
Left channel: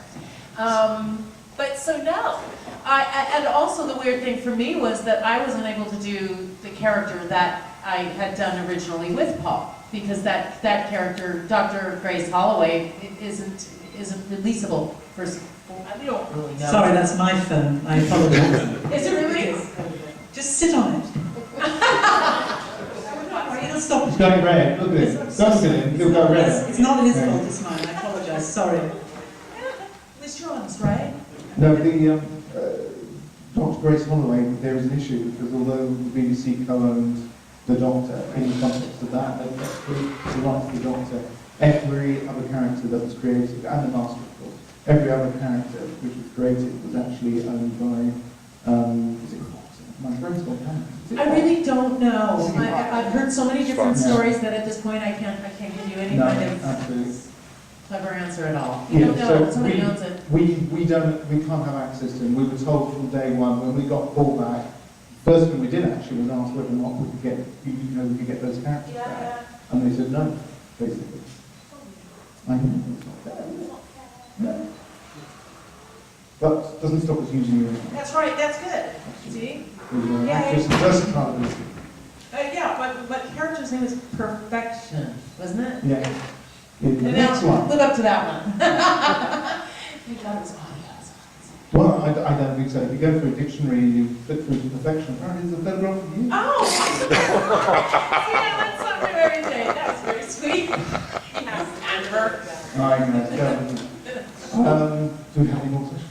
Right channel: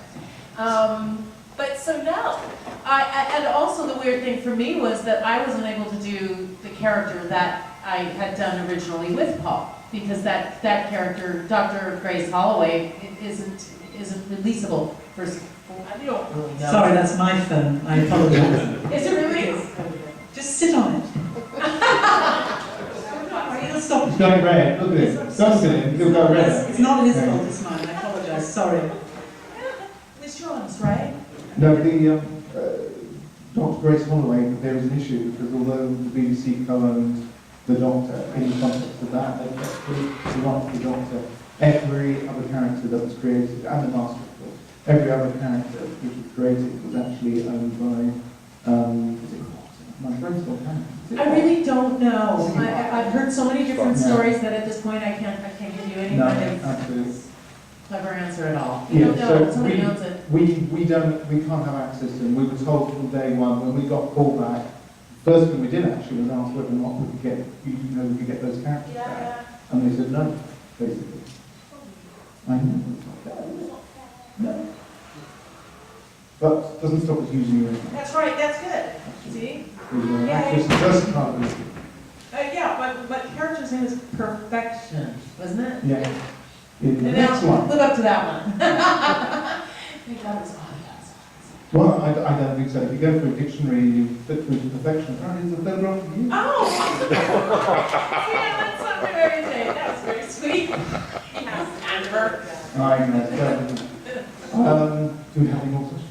But so no, and also the weird thing for me was that I wasn't able to do the character that I had done originally with Paul, because that character, Dr. Grace Holloway, isn't releasable. I don't really know. Sorry, that's my phone. I apologize. Is it really? Just sit on it. It'll stop. It's going red. Look at it. Don't look at it. It'll go red. It's not his fault, it's mine. I apologize. Sorry. Miss Jones, right? No, the Dr. Grace Holloway, there is an issue because although the BBC co-owned the Doctor, in the context of that, they kept the right to the Doctor. Every other character that was created, and the Master of course, every other character which was created was actually owned by, is it Fox? My brain's gone blank. Is it I Fox? really don't know. I've heard so many different Yeah. stories that at this point I can't give you any No, kind of absolutely. clever answer at all. You Yeah, don't know, so somebody owns it. we can't have access to them. We were told from day one when we got called back. First thing we did actually was ask whether or not we could get, we could get those characters back, and they said no, basically. I know. No. But doesn't stop us using it. That's right, that's good. See? Yay. Actress and versatile. Yeah, but character's name is Perfection, wasn't it? Yeah. The And next now, one. live up to that one. Thank God it was audio. Well, I don't think so. If you go through a dictionary and you flip through to perfection, apparently it's a photograph of you. Oh! Yeah, that's something very day. That was very sweet. Yes, Amber. I know. Do we have any more questions?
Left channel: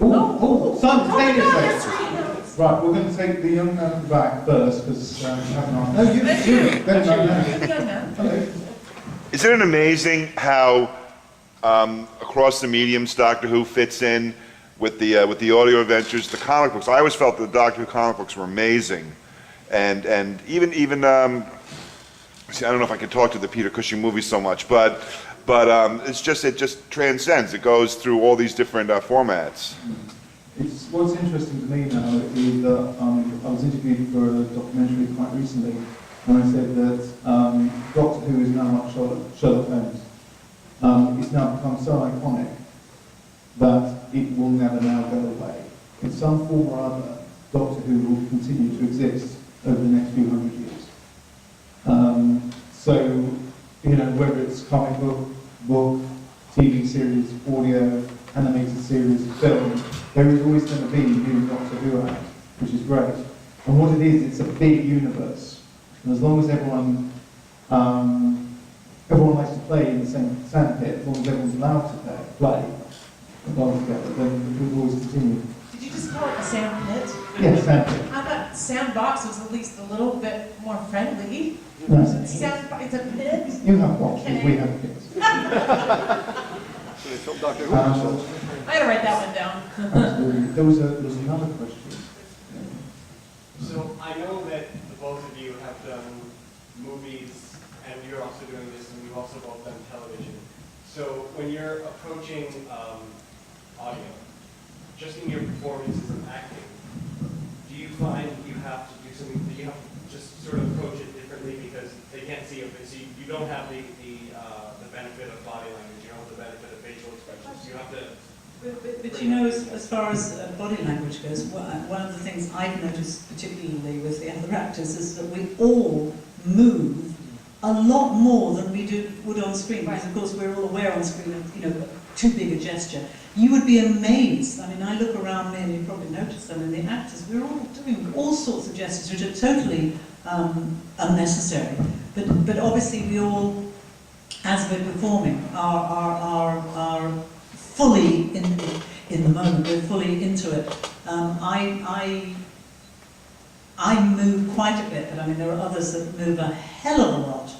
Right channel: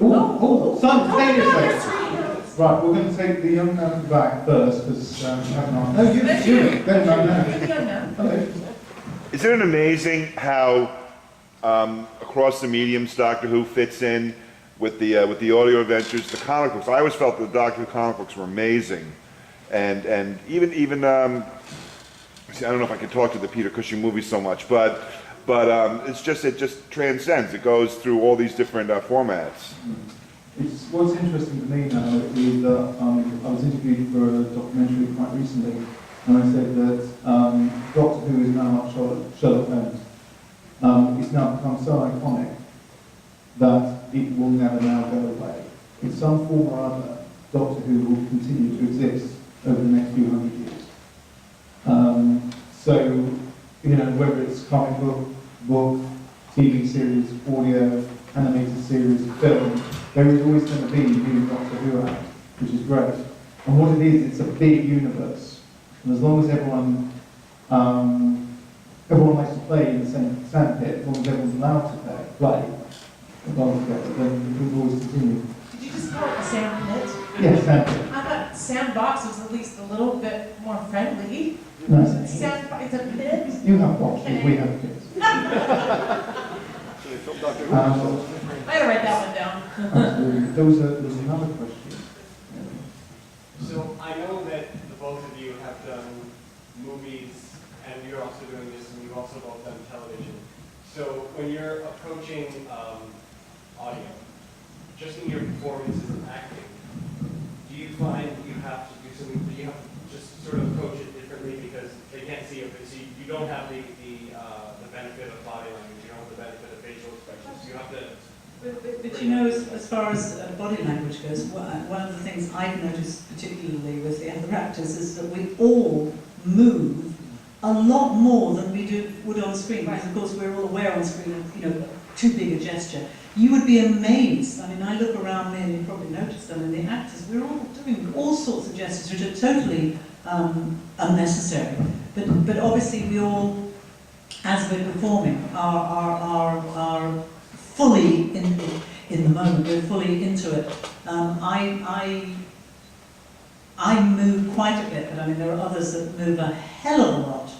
Oh, simultaneously. Right, we're going to take the young man at the back first, because we haven't asked. No, you. Then no. Hello. Isn't it amazing how across the mediums Doctor Who fits in with the audio adventures, the comic books? I always felt the Doctor Who comic books were amazing, and even see, I don't know if I can talk to the Peter Cushing movies so much, but it just transcends. It goes through all these different formats. It's what's interesting to me now is that I was interviewed for a documentary quite recently, and I said that Doctor Who is now like Sherlock Holmes. It's now become so iconic that it will never now go away. In some form or other, Doctor Who will continue to exist over the next few hundred years. So, you know, whether it's comic book, TV series, audio, animated series, film, there is always going to be new Doctor Who out, which is great. And what it is, it's a big universe. And as long as everyone likes to play in the same sandpit, as long as everyone's allowed to play together, then it will always continue. Did you just call it a sand pit? Yes, sandpit. I thought sandbox was at least a little bit more friendly. No, It's a pit? you have boxes, Okay. we have kids. Dr. Who. I gotta write that one down. Absolutely. There was another question. So I know that the both of you have done movies, and you're also doing this, and you've also both done television. So when you're approaching audio, just in your performances and acting, do you find you have to do something, do you have to just sort of approach it differently because they can't see it, so you don't have the benefit of body language, you don't have the benefit of facial expressions, you have to... But you know, as far as body language goes, one of the things I've noticed particularly with the other actors is that we all move a lot more than we would on screen, because of course we're all aware on screen of, you know, too big a gesture. You would be amazed. I mean, I look around me and you probably noticed them, and the actors, we're all doing all sorts of gestures which are totally unnecessary. But obviously we all, as we're performing, are fully in the moment. We're fully into it. I move quite a bit, but I mean there are others that move a hell of a lot.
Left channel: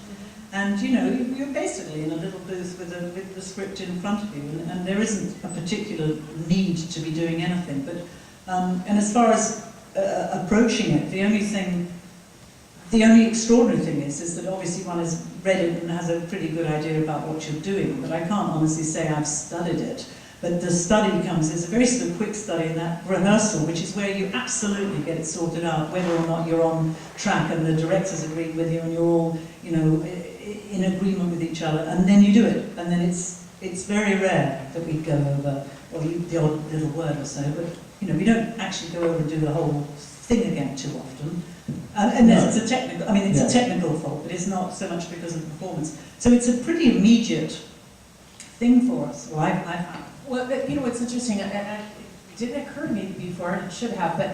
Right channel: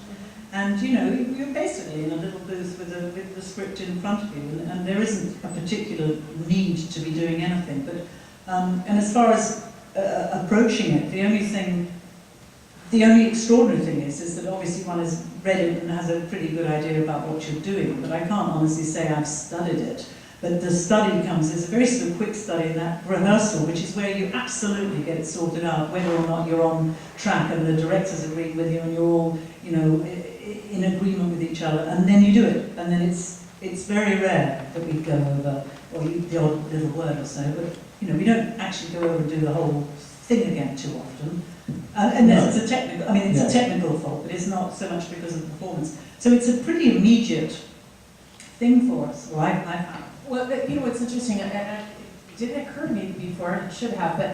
And you know, you're basically in a little booth with the script in front of you, and there isn't a particular need to be doing anything. But and as far as approaching it, the only extraordinary thing is that obviously one has read it and has a pretty good idea about what you're doing. But I can't honestly say I've studied it. But the study comes, it's a very sort of quick study in that rehearsal, which is where you absolutely get it sorted out, whether or not you're on track and the directors agree with you and you're all, you know, in agreement with each other, and then you do it. And then it's very rare that we go over, or the odd little word or so, but you know, we don't actually go over and do the whole thing again too often. Unless it's a technical, I mean, it's a technical fault, but it's not so much because of the performance. So it's a pretty immediate thing for us, or I found. Well, you know, what's interesting, it didn't occur to me before, and it should have, but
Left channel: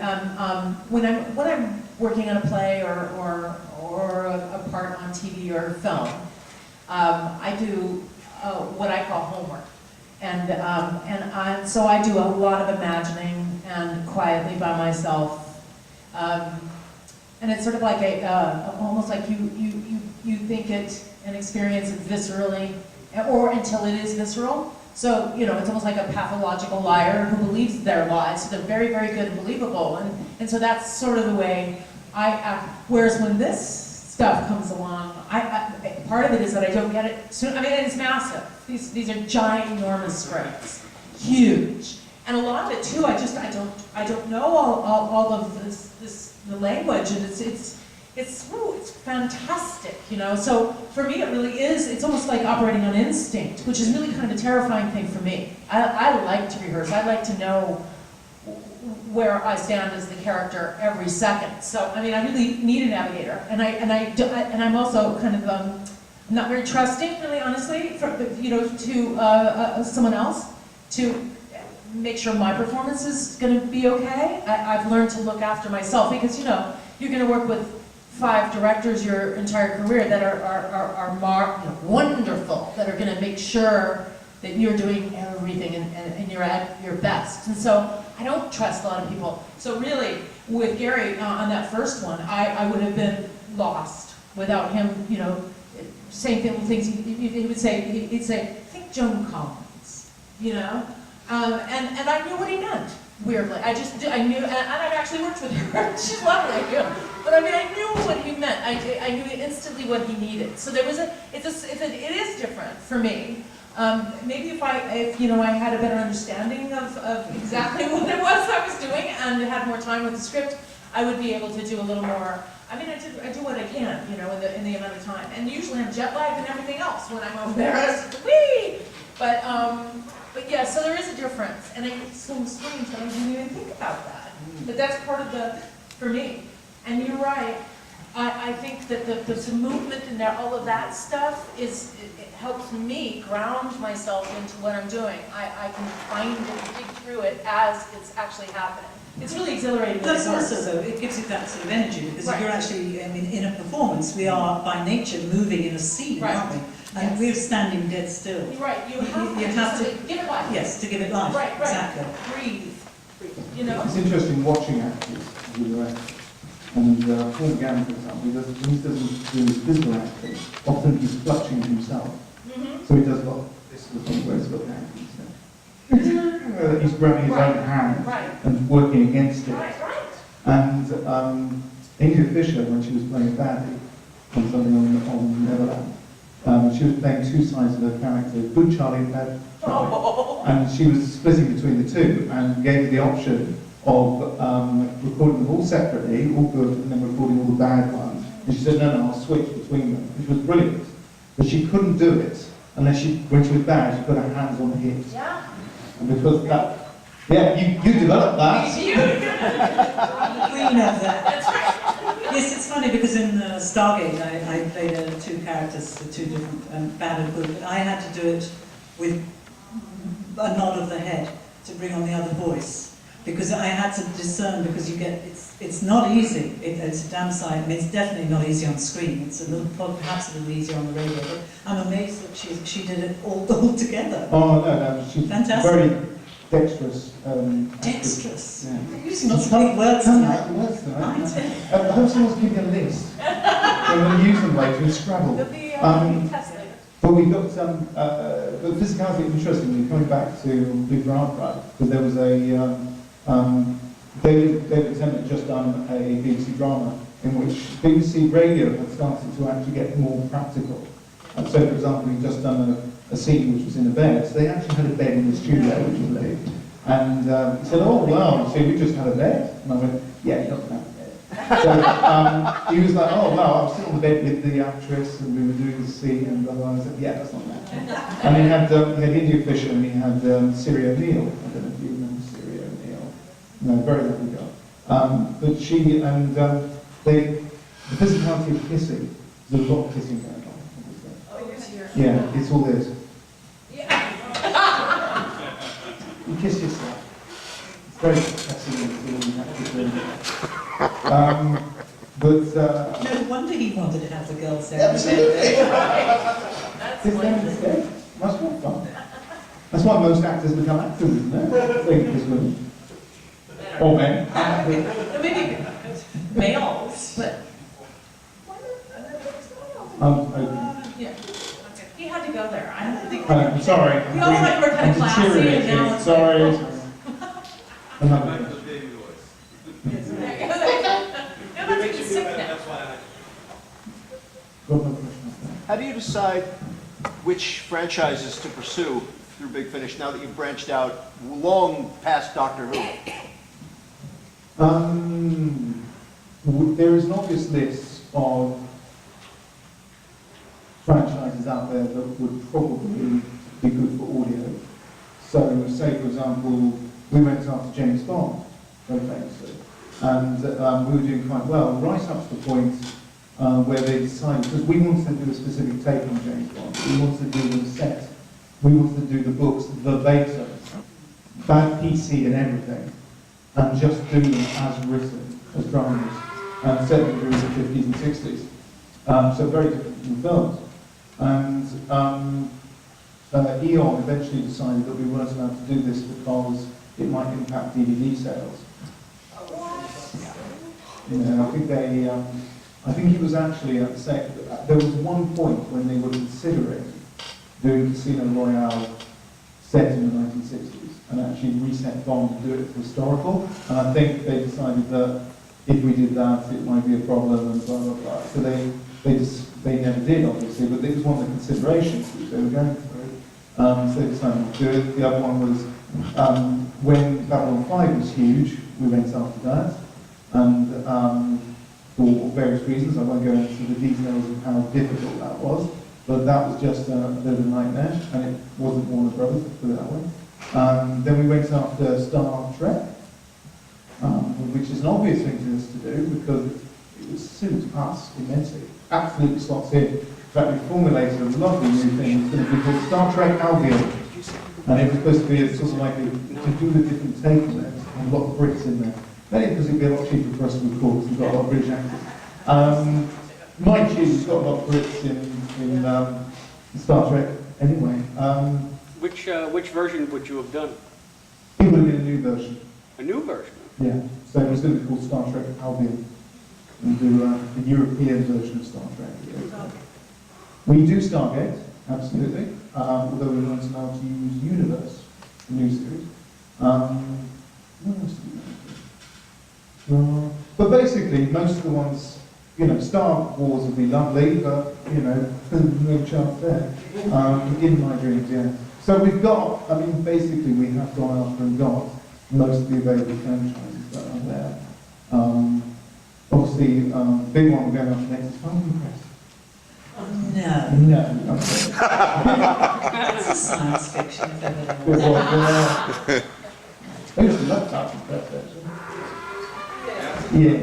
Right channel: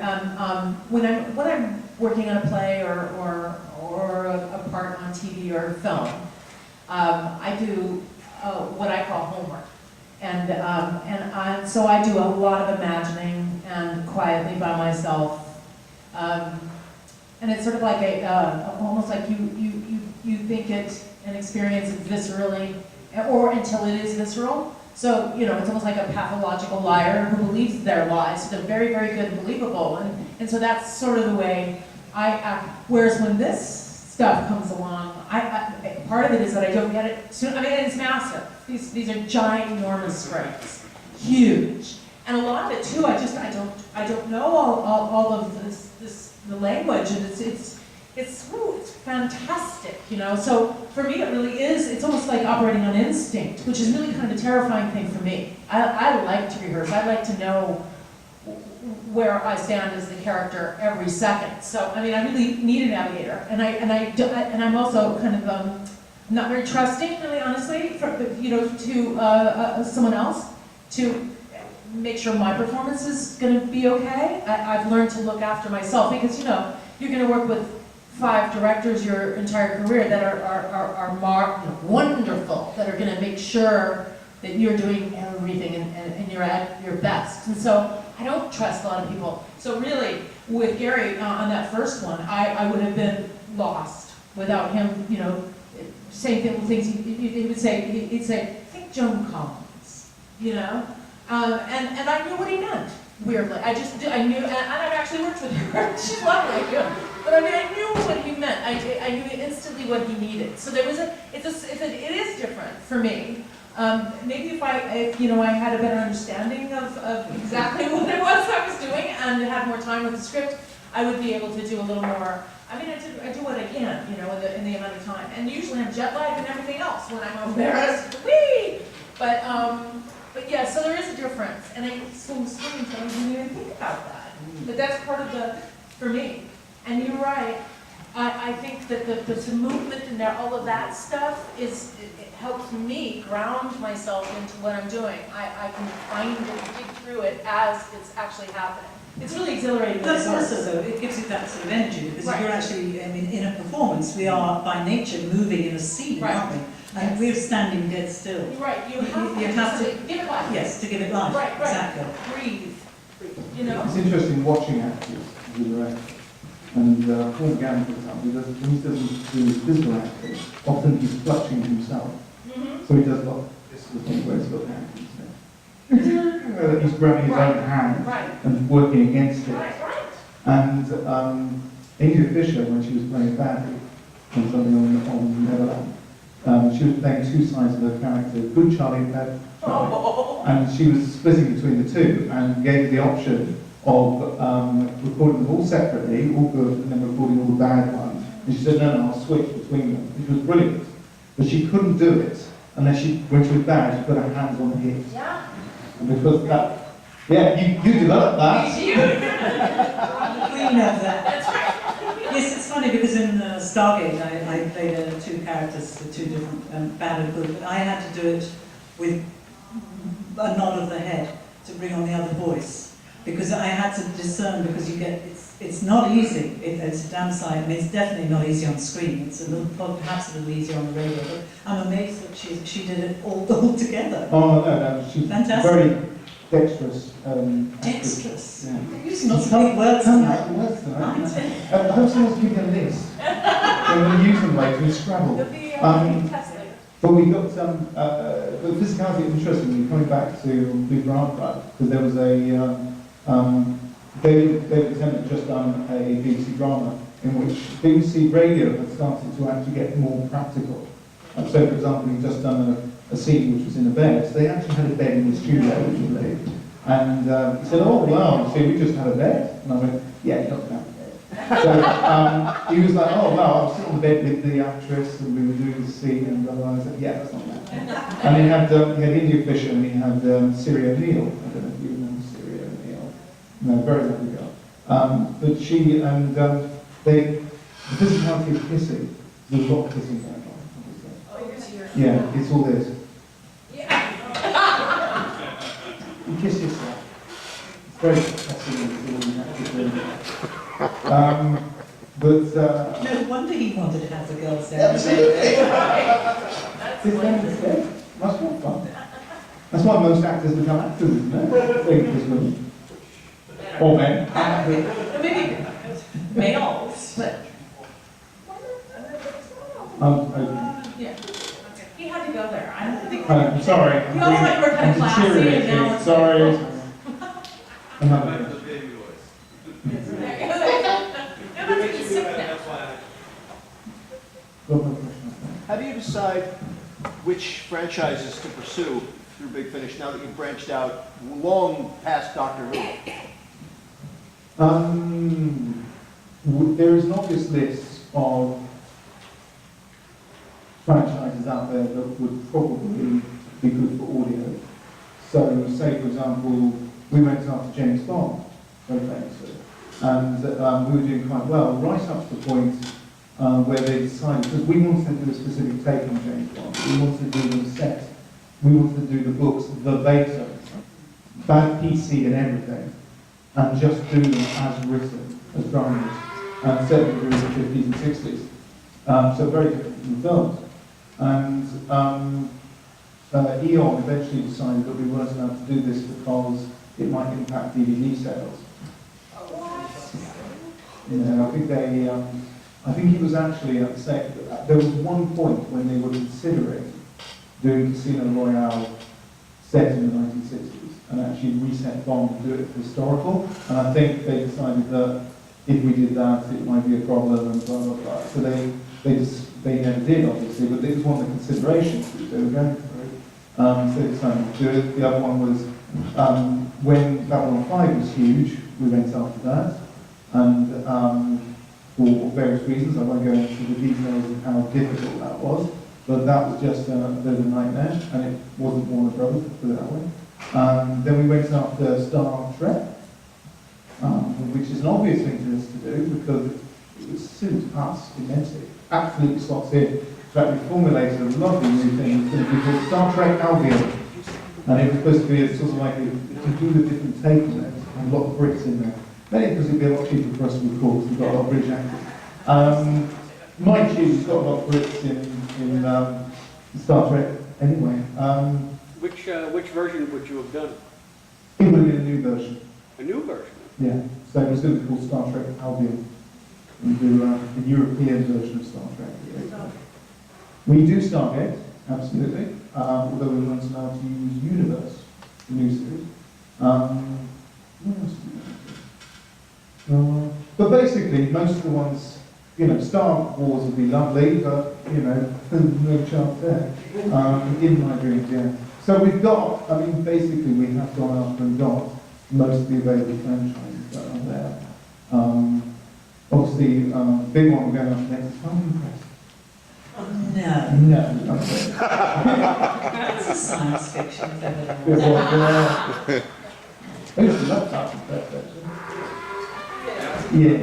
when I'm working on a play or a part on TV or film, I do what I call homework. So I do a lot of imagining and quietly by myself. And it's sort of like almost like you think it and experience it viscerally, or until it is visceral. So, it's almost like a pathological liar who believes their lies. So they're very, very good and believable. And so that's sort of the way I act. Whereas when this stuff comes along, part of it is that I don't get it soon. I mean, it's massive. These are giant, enormous scripts, huge. And a lot of it too, I don't know all of the language, and it's fantastic, So for me, it really is. It's almost like operating on instinct, which is really kind of a terrifying thing for me. I like to rehearse. I like to know where I stand as the character every second. So I mean, I really need a navigator, and I'm also kind of not very trusting, really honestly, to someone else to make sure my performance is going to be okay. I've learned to look after myself because you're going to work with 5 directors your entire career that are wonderful, that are going to make sure that you're doing everything and you're at your best. And so I don't trust a lot of people. So really, with Gary on that first one, I would have been lost without him, saying things he would say. He'd say, think Joan Collins, and I knew what he meant. Weirdly, I knew, and I've actually worked with her. She's lovely, but I mean, I knew what he meant. I knew instantly what he needed. So there was it is different for me. Maybe if I had a better understanding of exactly what it was I was doing and had more time with the script, I would be able to do a little more. I mean, I do what I can, in the amount of time. And usually I'm jet lagged and everything else when I'm over there. Whee! But yeah, so there is a difference, and it's so strange that I didn't even think about that. But that's part of for me. And you're right. I think that the movement and all of that stuff it helps me ground myself into what I'm doing. I can find it, dig through it as it's actually happening. It's really exhilarating. That's also, though, it gives you that sort of energy, because if you're actually, in a performance, we are by nature moving in a scene, aren't we? And we're standing dead still. Right, you have to give it life. Yes, to give it life. Right. Exactly. Breathe. It's interesting watching actors do the acting. And Paul Gann, for example, when he doesn't do his physical acting, often he's clutching himself. So he does this sort of thing where he's got the acting stuff. He's grabbing his own hand and working against it. And India Fisher, when she was playing Fatty on something on Neverland, she was playing 2 sides of her character, good Charlie and bad Charlie. And she was splitting between the 2 and gave her the option of recording them all separately, all good, and then recording all the bad ones. And she said, no, I'll switch between them, which was brilliant. But she couldn't do it unless when she was bad, she put her hands on the hips. Yeah. And because you developed that. Queen of that. That's right. Yes, it's funny because in Stargate I played 2 characters, 2 different bad and good, but I had to do it with a nod of the head to bring on the other voice. Because I had to discern, because it's not easy. It's a damn sight. I mean, it's definitely not easy on screen. It's perhaps a little easier on the radio. But I'm amazed that she did it all together. Oh no, she's fantastic. Very dexterous. Dexterous. Yeah. You're using lots of big words tonight. I hope someone's giving a list. We're going to use them later in Scrabble. But we got some. But physicality is interesting. Coming back to Big Round Ride, because there was a. David Tennant had just done a BBC drama in which BBC Radio had started to actually get more practical. So, for example, he'd just done a scene which was in a bed. So they actually had a bed in the studio, which was big. And he said, oh, wow, so we just had a bed? And I went, yeah, you're not going to have a bed. So he was like, oh, wow, I was sitting on the bed with the actress and we were doing the scene and blah, blah, blah. I said, yeah, that's not that. And he had India Fisher and he had Siri O'Neill. I don't know if you remember Siri O'Neill. No, very lovely girl. But she and the physicality of kissing, there's a lot of kissing going on, obviously. Oh, dear. Yeah, it's all this. Yeah. You kiss yourself. It's very fascinating. No wonder he wanted to have the girls there. Absolutely. Must be fun. That's why most actors become actors, isn't it? They just women. Or men. No, maybe males, but, yeah. He had to go there. I don't think. I'm sorry. You always like we're kind of classy and now it's like. Sorry. Back to the baby voice. No, that's just sick now. That's why How do you decide which franchises to pursue through Big Finish now that you've branched out long past Doctor Who? There is an obvious list of franchises out there that would probably be good for audio. So, say for example, we went after James Bond, very famously, and we were doing quite well, right up to the point where they decided, because we wanted to do a specific take on James Bond, we wanted to do them set, we wanted to do the books verbatim, bad PC and everything, and just do them as written, as dramas, and set them during the 50s and 60s. So very different from the films. And Eon eventually decided that we weren't allowed to do this because it might impact DVD sales. Yeah, I think they, I think it was actually at the same, there was one point when they were considering doing Casino Royale set in the 1960s and actually reset Bond and do it historical. And I think they decided that if we did that, it might be a problem and blah, blah, blah. So they never did, obviously, but this was one of the considerations which they were going through. So they decided to do it. The other one was when Babylon 5 was huge, we went after that. And for various reasons, I won't go into the details of how difficult that was, but that was just a bit of a nightmare, and it wasn't Warner Brothers, let's put it that way. Then we went after Star Trek, which is an obvious thing to us to do because it would suit us immensely. Absolutely slots in. In fact, we formulated a lovely new thing. It's going to be called Star Trek Albion, and it was supposed to be a sort of like to do a different take on it, and a lot of Brits in there. Mainly because it'd be a lot cheaper for us to record, because we've got a lot of British actors. Mind you, we've got a lot of Brits in Star Trek anyway. Which version would you have done? It would have been a new version. A new version? Yeah, so it was going to be called Star Trek Albion. We do the European version of Star Trek. We do Stargate, absolutely, although we weren't allowed to use Universe, the new series. What else do we do? But basically, most of the ones, you know, Star Wars would be lovely, but, you know, no chance there. In my dreams, yeah. So we've got, I mean, basically we have gone after and got most of the available franchises that are there. Obviously, big one we're going after next is Falcon Crest. Oh, no. No. That's a science fiction, if ever there was. I used to love Falcon Crest, actually. Yeah.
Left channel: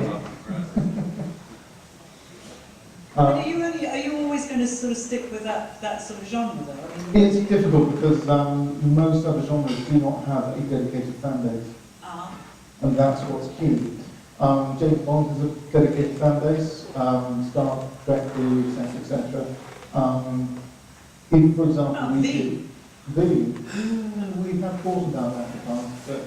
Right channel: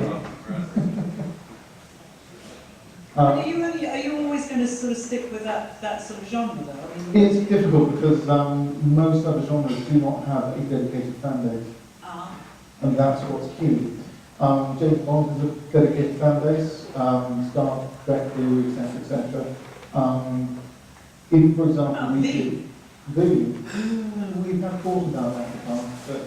Are you always going to sort of stick with that sort of genre, though? I mean, It's difficult because most other genres do not have a dedicated fan base, and that's what's key. James Bond has a dedicated fan base, Star Trek, etc., etc. If, for example, we have thought about that in the past, but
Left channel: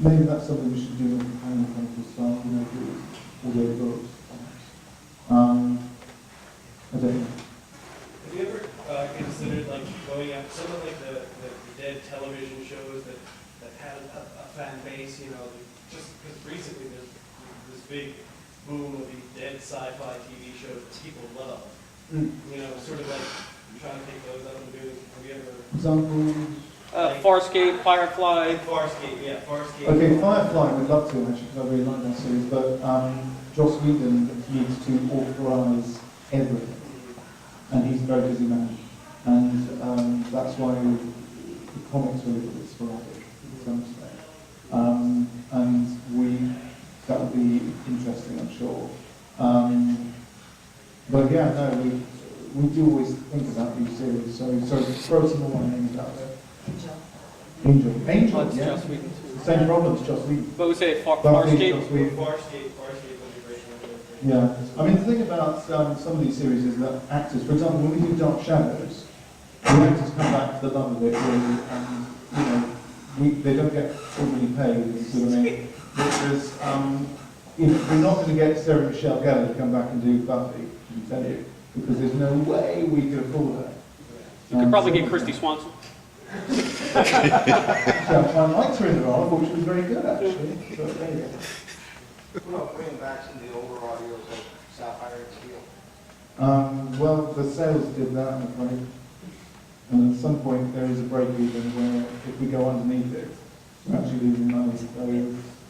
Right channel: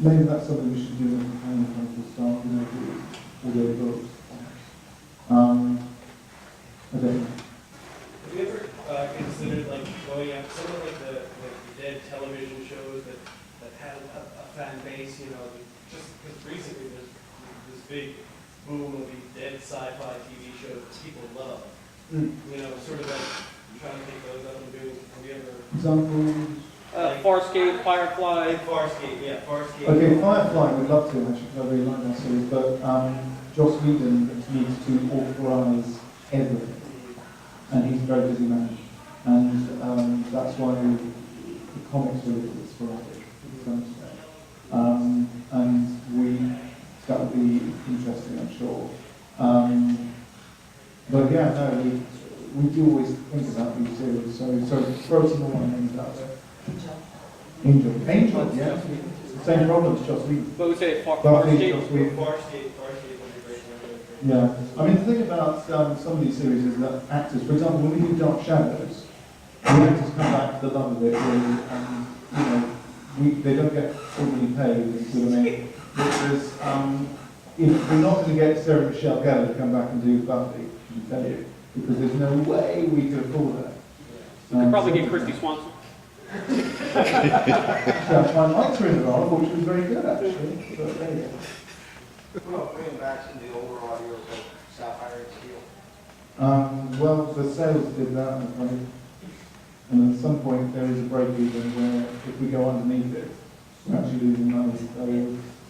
maybe that's something we should do in a companion project start, you know, do audio books. I don't know. Have you ever considered like going after some of like the dead television shows that had a fan base? You know, just because recently there's this big boom of these dead sci-fi TV shows that people love. You know, sort of like trying to take those out and doing. Have you ever? Examples? Farscape, Firefly. Farscape, yeah, Farscape. Okay, Firefly, we'd love to actually, because I really like that series, but Joss Whedon needs to authorise everything, and he's a very busy man, and that's why the comics were a little bit sporadic to some extent. And that would be interesting, I'm sure. But yeah, no, we do always think about these series, so throw some more names out there. Angel, yeah. Same problem as Joss Whedon. But we say Farscape. Farscape would be great. Yeah, I mean the thing about some of these series is that actors, for example, when we do Dark Shadows, the actors come back for the love of it, really, and, you know, they don't get ordinarily paid, you see what I mean? There's, you know, we're not going to get Sarah Michelle Gellar to come back and do Buffy, I can tell you, because there's no way we could afford her. You could probably get Christy Swanson. So I liked her in the role, I thought she was very good, actually. But there you go. What about bringing back some of the older audios like Sapphire and Steel? Well, the sales did that, I'm afraid. And at some point, there is a break even where if we go underneath it, we're actually losing money. So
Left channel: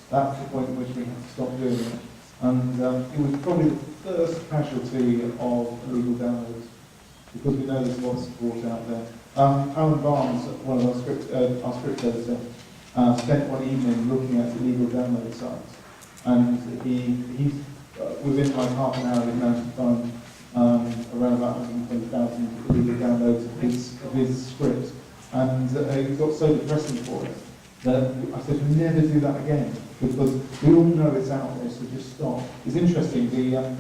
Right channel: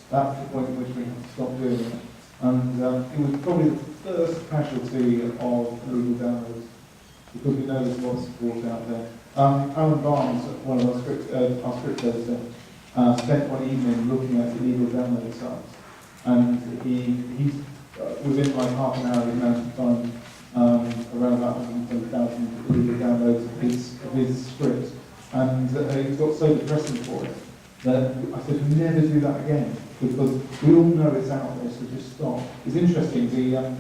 that's the point at which we have to stop doing it. And it was probably the first casualty of illegal downloads, because we know there's a lot of support out there. Alan Barnes, one of our script editors, spent one evening looking at illegal download sites. And he's within like half an hour, he managed to find around about 120,000 illegal downloads of his script. And he got so depressing for it that I said, never do that again, because we all know it's out there, so just stop. It's interesting, the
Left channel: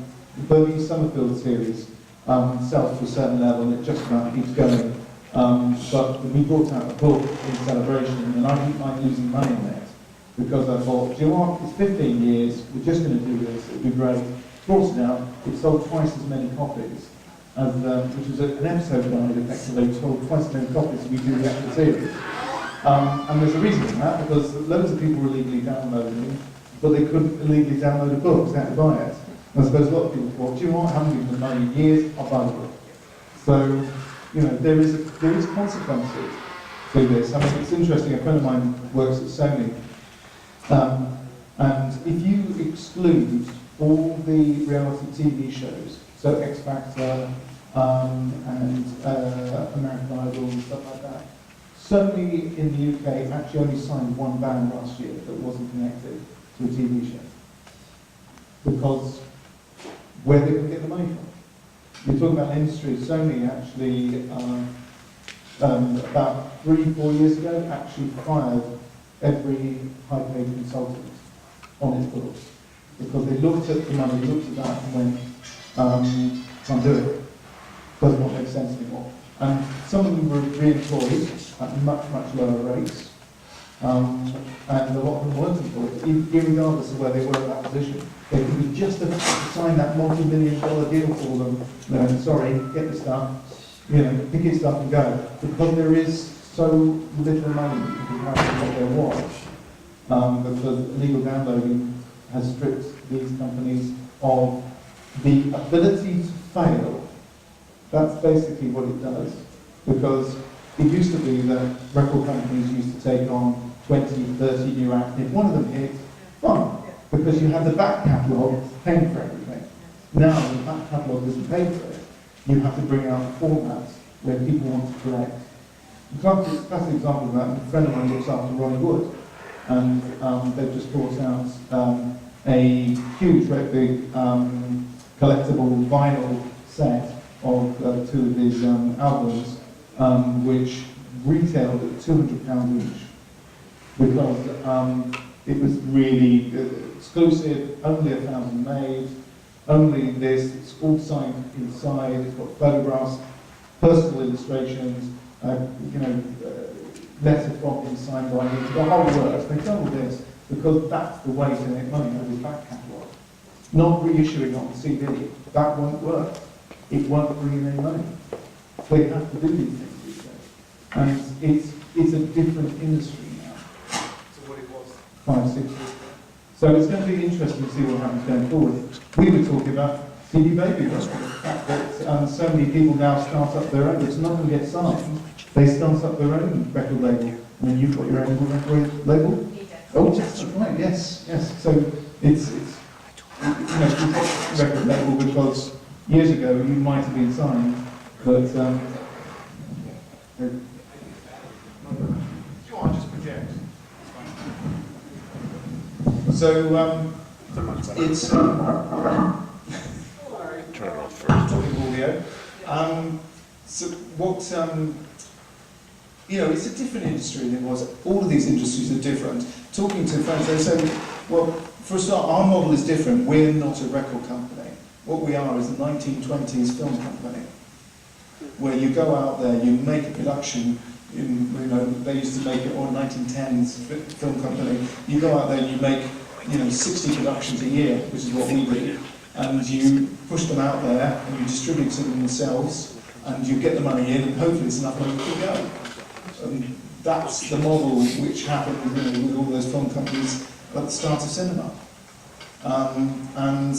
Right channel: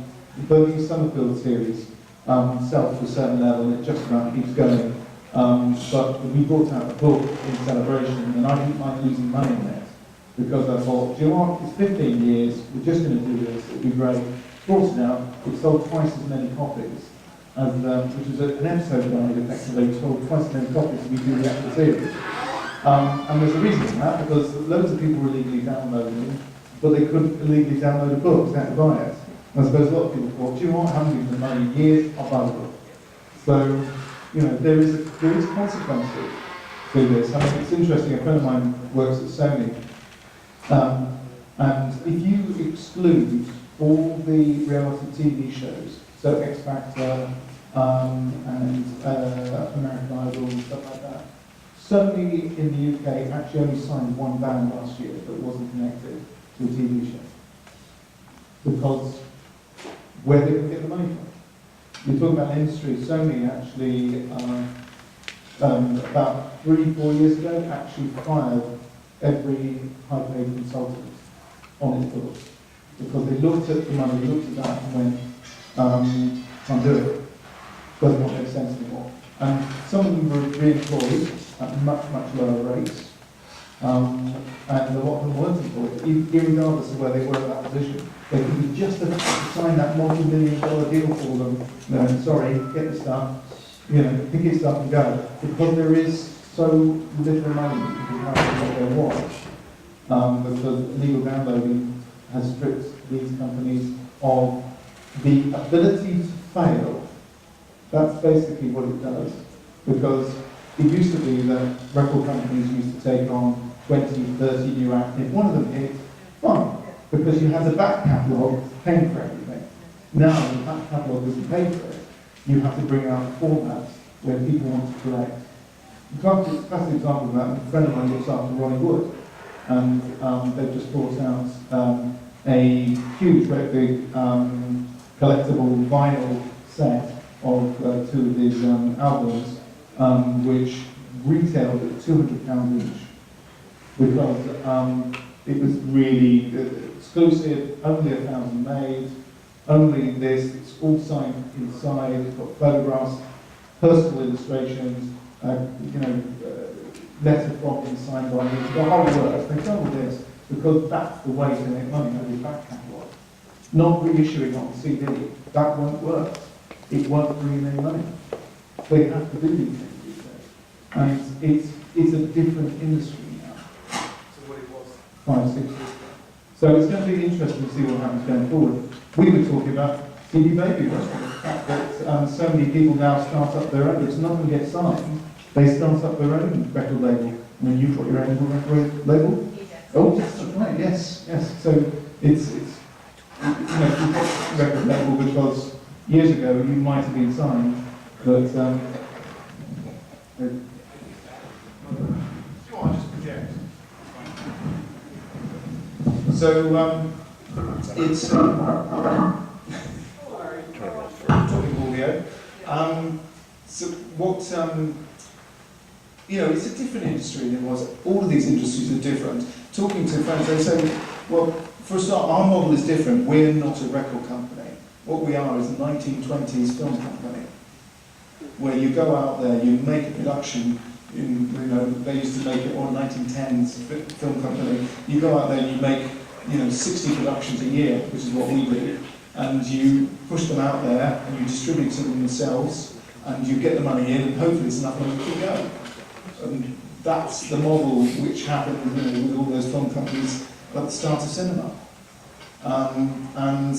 Bernie Summerfield series sells to a certain level, and it just about keeps going. But we brought out a book in celebration, and I didn't mind losing money on it, because I thought, do you know what, it's 15 years, we're just going to do this, it'll be great. Brought it out, it sold twice as many copies, as, which was an episode guide, effectively, it sold twice as many copies as we do the actual series. And there's a reason for that, because loads of people were illegally downloading, but they couldn't illegally download a book, they had to buy it. And I suppose a lot of people thought, do you know what, I haven't given them money in years, I'll buy the book. So, you know, there is consequences to this. I mean, it's interesting, a friend of mine works at Sony, and if you exclude all the reality TV shows, so X Factor and American Idol and stuff like that, Sony in the UK actually only signed one band last year that wasn't connected to a TV show. Because where they can get the money from. You're talking about industry. Sony actually, about 3-4 years ago, actually fired every high-paid consultant on its books. Because they looked at the money, looked at that and went, can't do it. Does not make sense anymore. And some of them were re-employed at much, much lower rates. And a lot of them weren't employed, irregardless of where they were at that position. They could be just about to sign that multi-million-dollar deal for them. No, sorry, get the stuff, you know, pick your stuff and go. Because there is so little money in comparison to what there was. Because illegal downloading has stripped these companies of the ability to fail. That's basically what it does. Because it used to be that record companies used to take on 20, 30 new acts. If one of them hit, fine, because you have the back catalogue paying for everything. Now the back catalogue isn't paid for it. You have to bring out formats where people want to collect. A classic example of that, a friend of mine looks after Ronnie Wood, and they've just brought out a huge, very big collectible vinyl set of 2 of his albums, which retailed at £200 each, because it was really exclusive, only 1,000 made, only this, it's all signed inside, it's got photographs, personal illustrations, letter from him signed by him, the whole works. They've done all this because that's the way to make money out of his back catalogue. Not reissuing on CD, that won't work. It won't bring in any money. They have to do these things these days. And it's a different industry now. So what it was 5, 6 years ago. So it's going to be interesting to see what happens going forward. We were talking about CD Baby, the fact that so many people now start up their own. It's not going to get signed. They start up their own record label. And then you've got your own record label? Oh, that's right, yes. So it's you've got a record label because years ago you might have been signed, but just project. so it's Turn it off first. talking audio. So what it's a different industry than it was. All of these industries are different. Talking to friends, they say, well, for a start, our model is different. We're not a record company. What we are is a 1920s film company. where you go out there, you make a production. They used to make it, or 1910s film company. You go out there and you make, 60 productions a year, which is what we do, and you push them out there and you distribute them yourselves, and you get the money in, and hopefully it's enough money to go. And that's the model which happened, with all those film companies at the start of cinema. And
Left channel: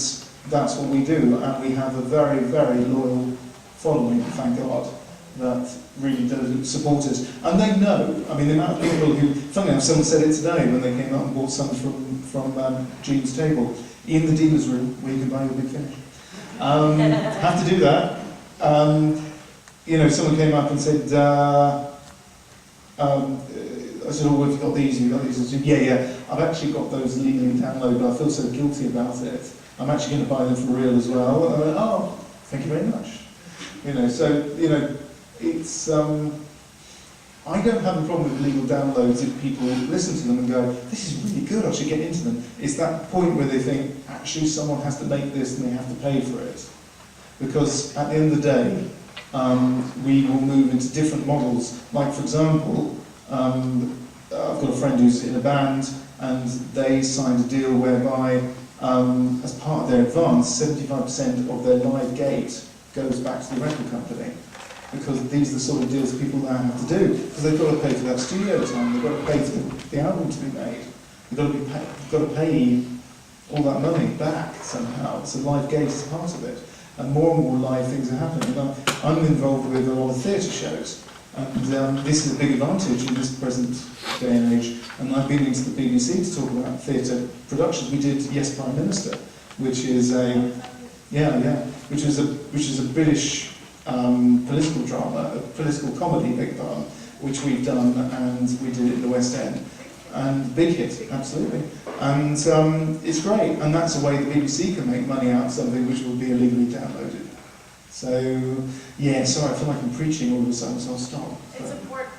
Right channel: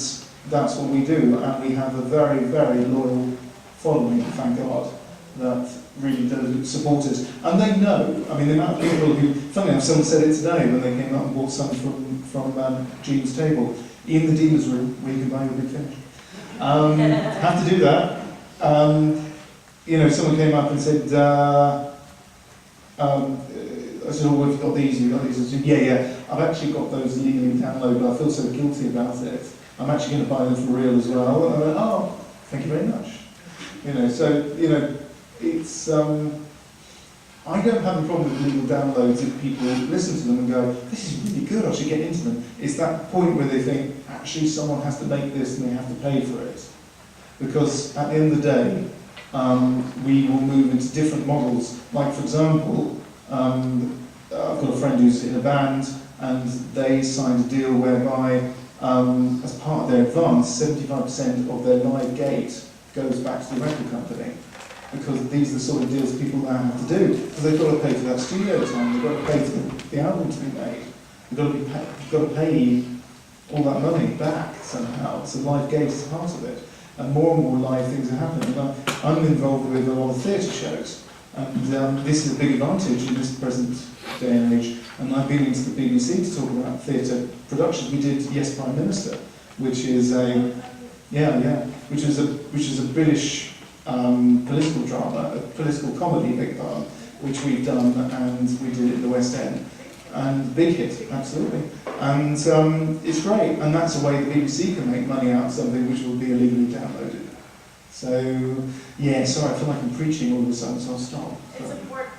that's what we do, and we have a very, very loyal following, thank God, that really does support us. And they know, the amount of people who, funny enough, someone said it today when they came out and bought some from Jean's table, in the dealer's room, where you can buy your Big Finish. Have to do that. Someone came up and said, I said, oh, have you got these? I said, yeah, I've actually got those legally downloaded, but I feel so guilty about it. I'm actually going to buy them for real as well. And I went, oh, thank you very much. It's, I don't have a problem with legal downloads if people listen to them and go, this is really good, I should get into them. It's that point where they think, actually someone has to make this and they have to pay for it. Because at the end of the day, we will move into different models. Like, for example, I've got a friend who's in a band, and they signed a deal whereby, as part of their advance, 75% of their live gate goes back to the record company. Because these are the sort of deals people now have to do. Because they've got to pay for that studio time, they've got to pay for the album to be made. They've got to pay all that money back somehow. So live gate is part of it. And more live things are happening. And I'm involved with a lot of theatre shows. And this is a big advantage in this present day and age. And I've been into the BBC to talk about theatre productions. We did Yes Prime Minister, which is which is a British political drama, a political comedy, big part, which we've done, and we did it in the West End. And big hit, absolutely. And it's great, and that's a way the BBC can make money out of something which will be illegally downloaded. So, yeah, sorry, I feel like I'm preaching all of a sudden, so I'll stop. It's important.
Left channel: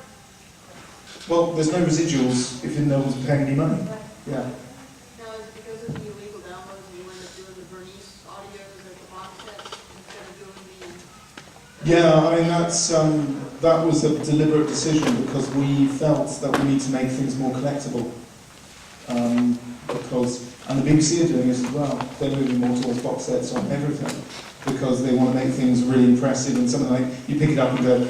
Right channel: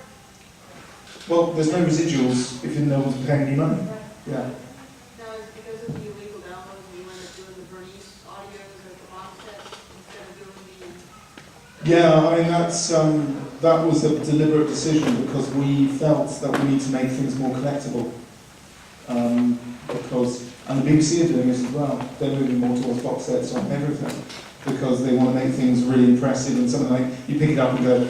Well, there's no residuals if no one's paying any money. Yeah. Now, is it because of the illegal downloads you end up doing the Bernice audios or the box sets instead of doing the... Yeah, that was a deliberate decision because we felt that we need to make things more collectible. And the BBC are doing it as well. They're moving more towards box sets on everything because they want to make things really impressive and something like you pick it up and go,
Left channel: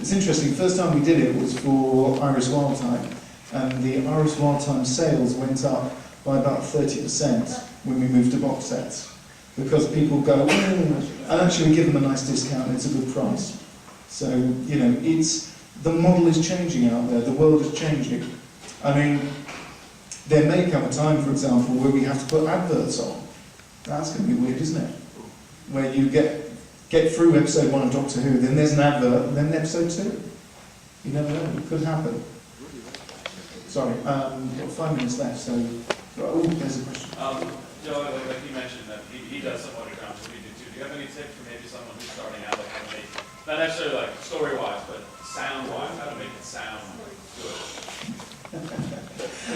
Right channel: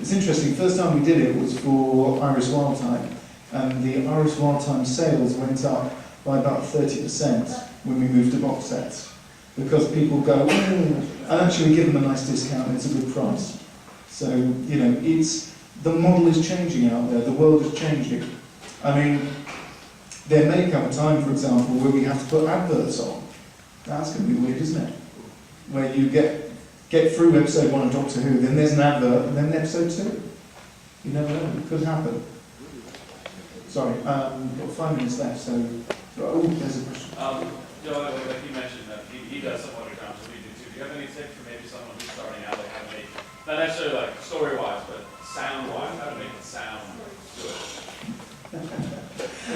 it's interesting. First time we did it was for Irish Wild Time, and the Irish Wild Time sales went up by about 30% when we moved to box sets. Because people go, and actually we give them a nice discount and it's a good price. So, the model is changing out there, the world is changing. There may come a time, for example, where we have to put adverts on. That's going to be weird, isn't it? Where you get through episode 1 of Doctor Who, then there's an advert, and then episode 2. You never know, it could happen. Sorry, we've got 5 minutes left, so, there's a question. Joe, like you mentioned, that he does some underground, so we do too. Do you have any tips for maybe someone who's starting out, like how to make, not necessarily like story-wise, but sound-wise, how to make it sound good?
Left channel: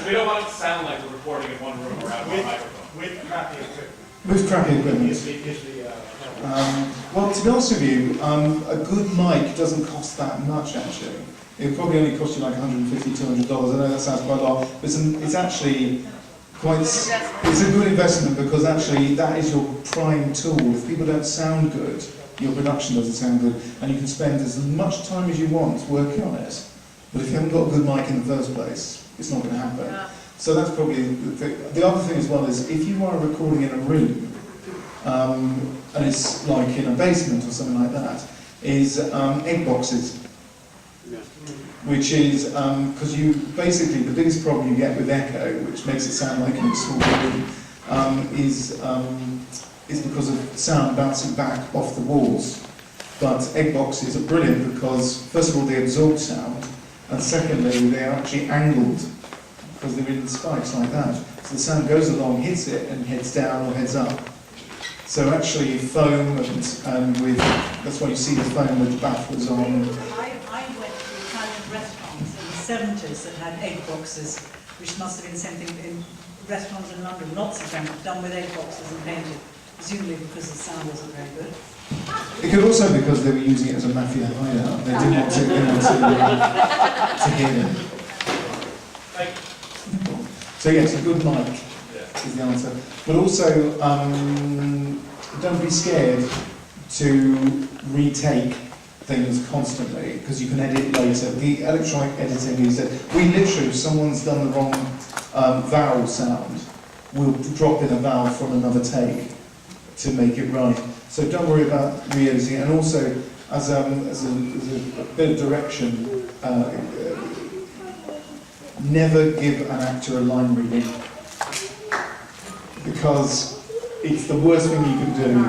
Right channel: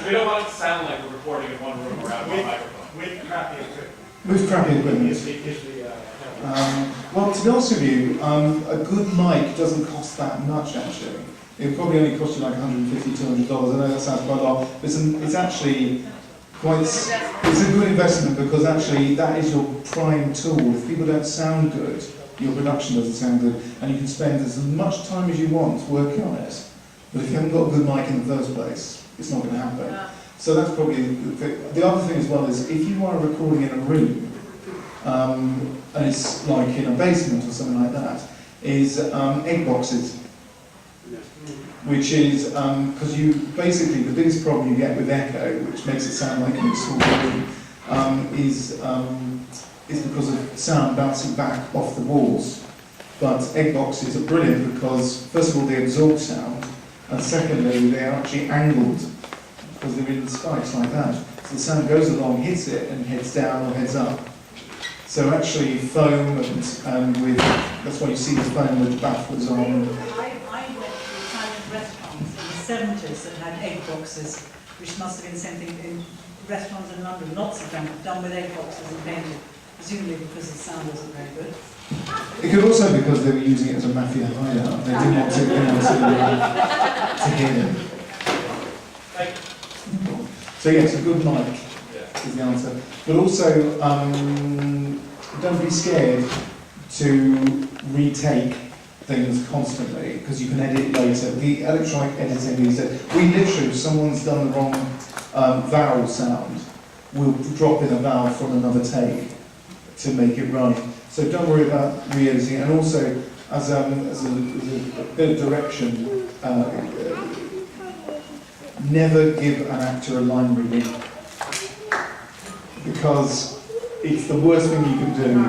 We don't want it to sound like we're recording in one room around one microphone. With crappy equipment. With crappy equipment. Well, to be honest with you, a good mic doesn't cost that much, actually. It would probably only cost you like $150, $200. I know that sounds quite a lot, but it's actually it's a good investment because actually that is your prime tool. If people don't sound good, your production doesn't sound good, and you can spend as much time as you want working on it. But if you haven't got a good mic in the first place, it's not going to happen. Yeah. So that's probably the other thing as well is if you are recording in a room, and it's like in a basement or something like that, is egg boxes. Which is, because you basically, the biggest problem you get with echo, which makes it sound like in a small room, is because of sound bouncing back off the walls. But egg boxes are brilliant because, first of all, they absorb sound, and secondly, they are actually angled, because they're in spikes like that. So the sound goes along, hits it, and heads down or heads up. So actually, foam, and with, that's why you see the foam with the baffles on. Restaurants in the 70s that had egg boxes, which must have been something in restaurants in London, lots of them, done with egg boxes and painted, presumably because the sound wasn't very good. It could also be because they were using it as a mafia hideout. They didn't want to hear it. So yes, a good mic is the answer. But also, don't be scared to retake things constantly, because you can edit later. The electronic editing is that we literally, if someone's done the wrong vowel sound, we'll drop in a vowel from another take to make it right. So don't worry about re-editing. And also, as a bit of direction, never give an actor a line reading, because it's the worst thing you can do.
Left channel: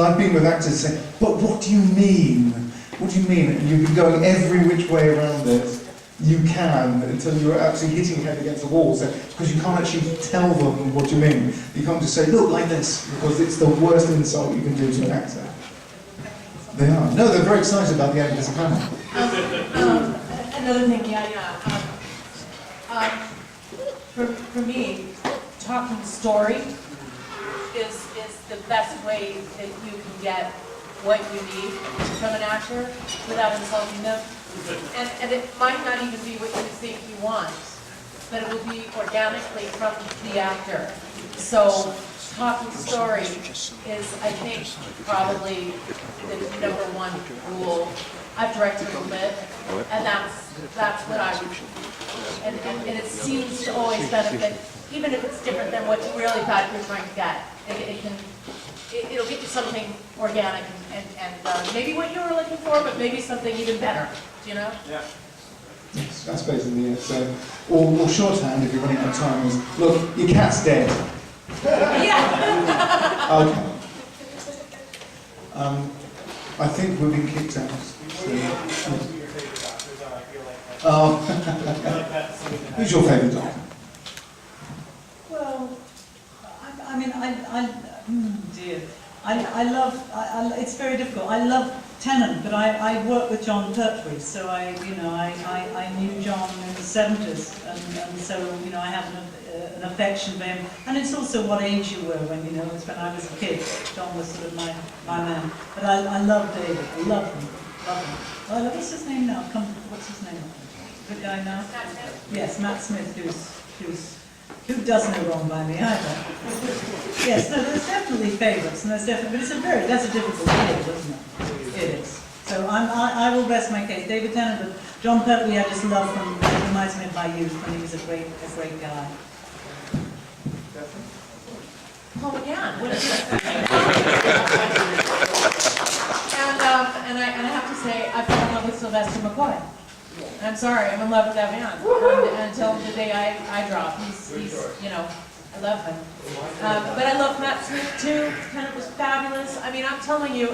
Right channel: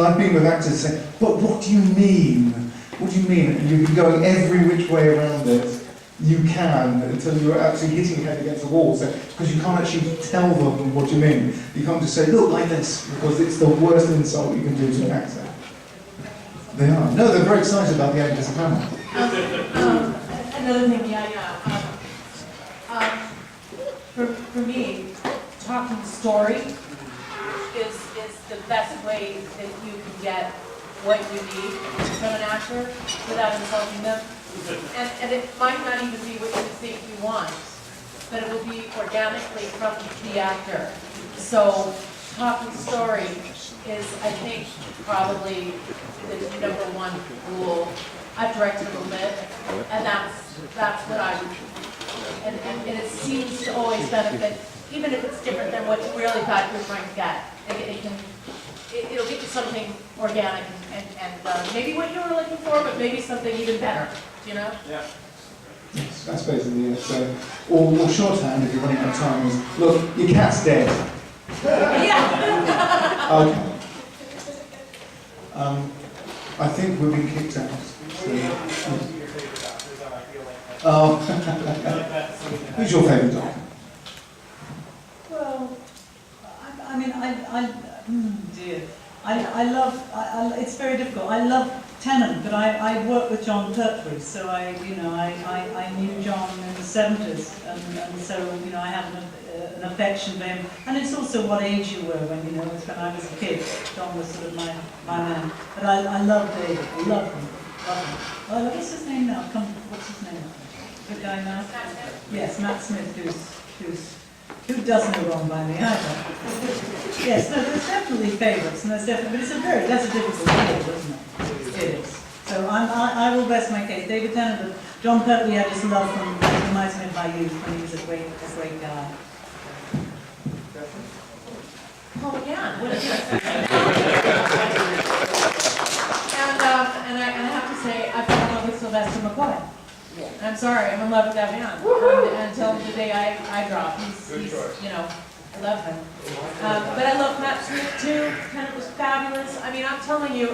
I've been with actors saying, but what do you mean? What do you mean? And you've been going every which way around it you can until you're actually hitting your head against the wall, because you can't actually tell them what you mean. You can't just say, look, like this, because it's the worst insult you can do to an actor. They are. No, they're very excited about the actors panel. Another thing, for me, talking story is the best way that you can get what you need from an actor without insulting them. And it might not even be what you think you want, but it will be organically from the actor. So talking story is, I think, probably the #1 rule. I've directed a little bit, and that's what I would, and it seems to always benefit, even if it's different than what you really thought you were trying to get. It'll get you something organic and maybe what you were looking for, but maybe something even better, you know? Yeah. Yes, that's basically it. So, or shorthand, if you're running out of time, is, look, your cat's dead. Yeah. Okay. I think we've been kicked out. So, who's your favourite doctor? Well, I mean, dear. I love, it's very difficult. I love Tennant, but I worked with John Pertwee, so I knew John in the 70s, and so, I have an affection for him. And it's also what age you were when, it's when I was a kid. John was sort of my man. But I love David. I love him. Well, what's his name now? What's his name? Good guy now? Matt Smith. Yes, Matt Smith, who does no wrong by me either. Yes, no, there's definitely favourites, and that's a difficult field, isn't it? It is. So I will rest my case. David Tennant, but John Pertwee, I just love from, it reminds me of my youth when he was a great guy. Oh, yeah. What is it? And I have to say, I fell in love with Sylvester McCoy. And I'm sorry, I'm in love with that man. Until the day I drop. He's I love him. But I love Matt Smith too. Kind of was fabulous. I mean, I'm telling you,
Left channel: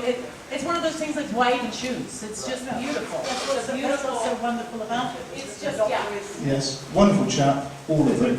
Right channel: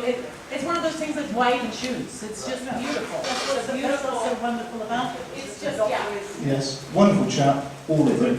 it's one of those things like white and shoes. It's just beautiful. That's What's so wonderful about it. It's just, yeah. Yes, wonderful chap, all of them.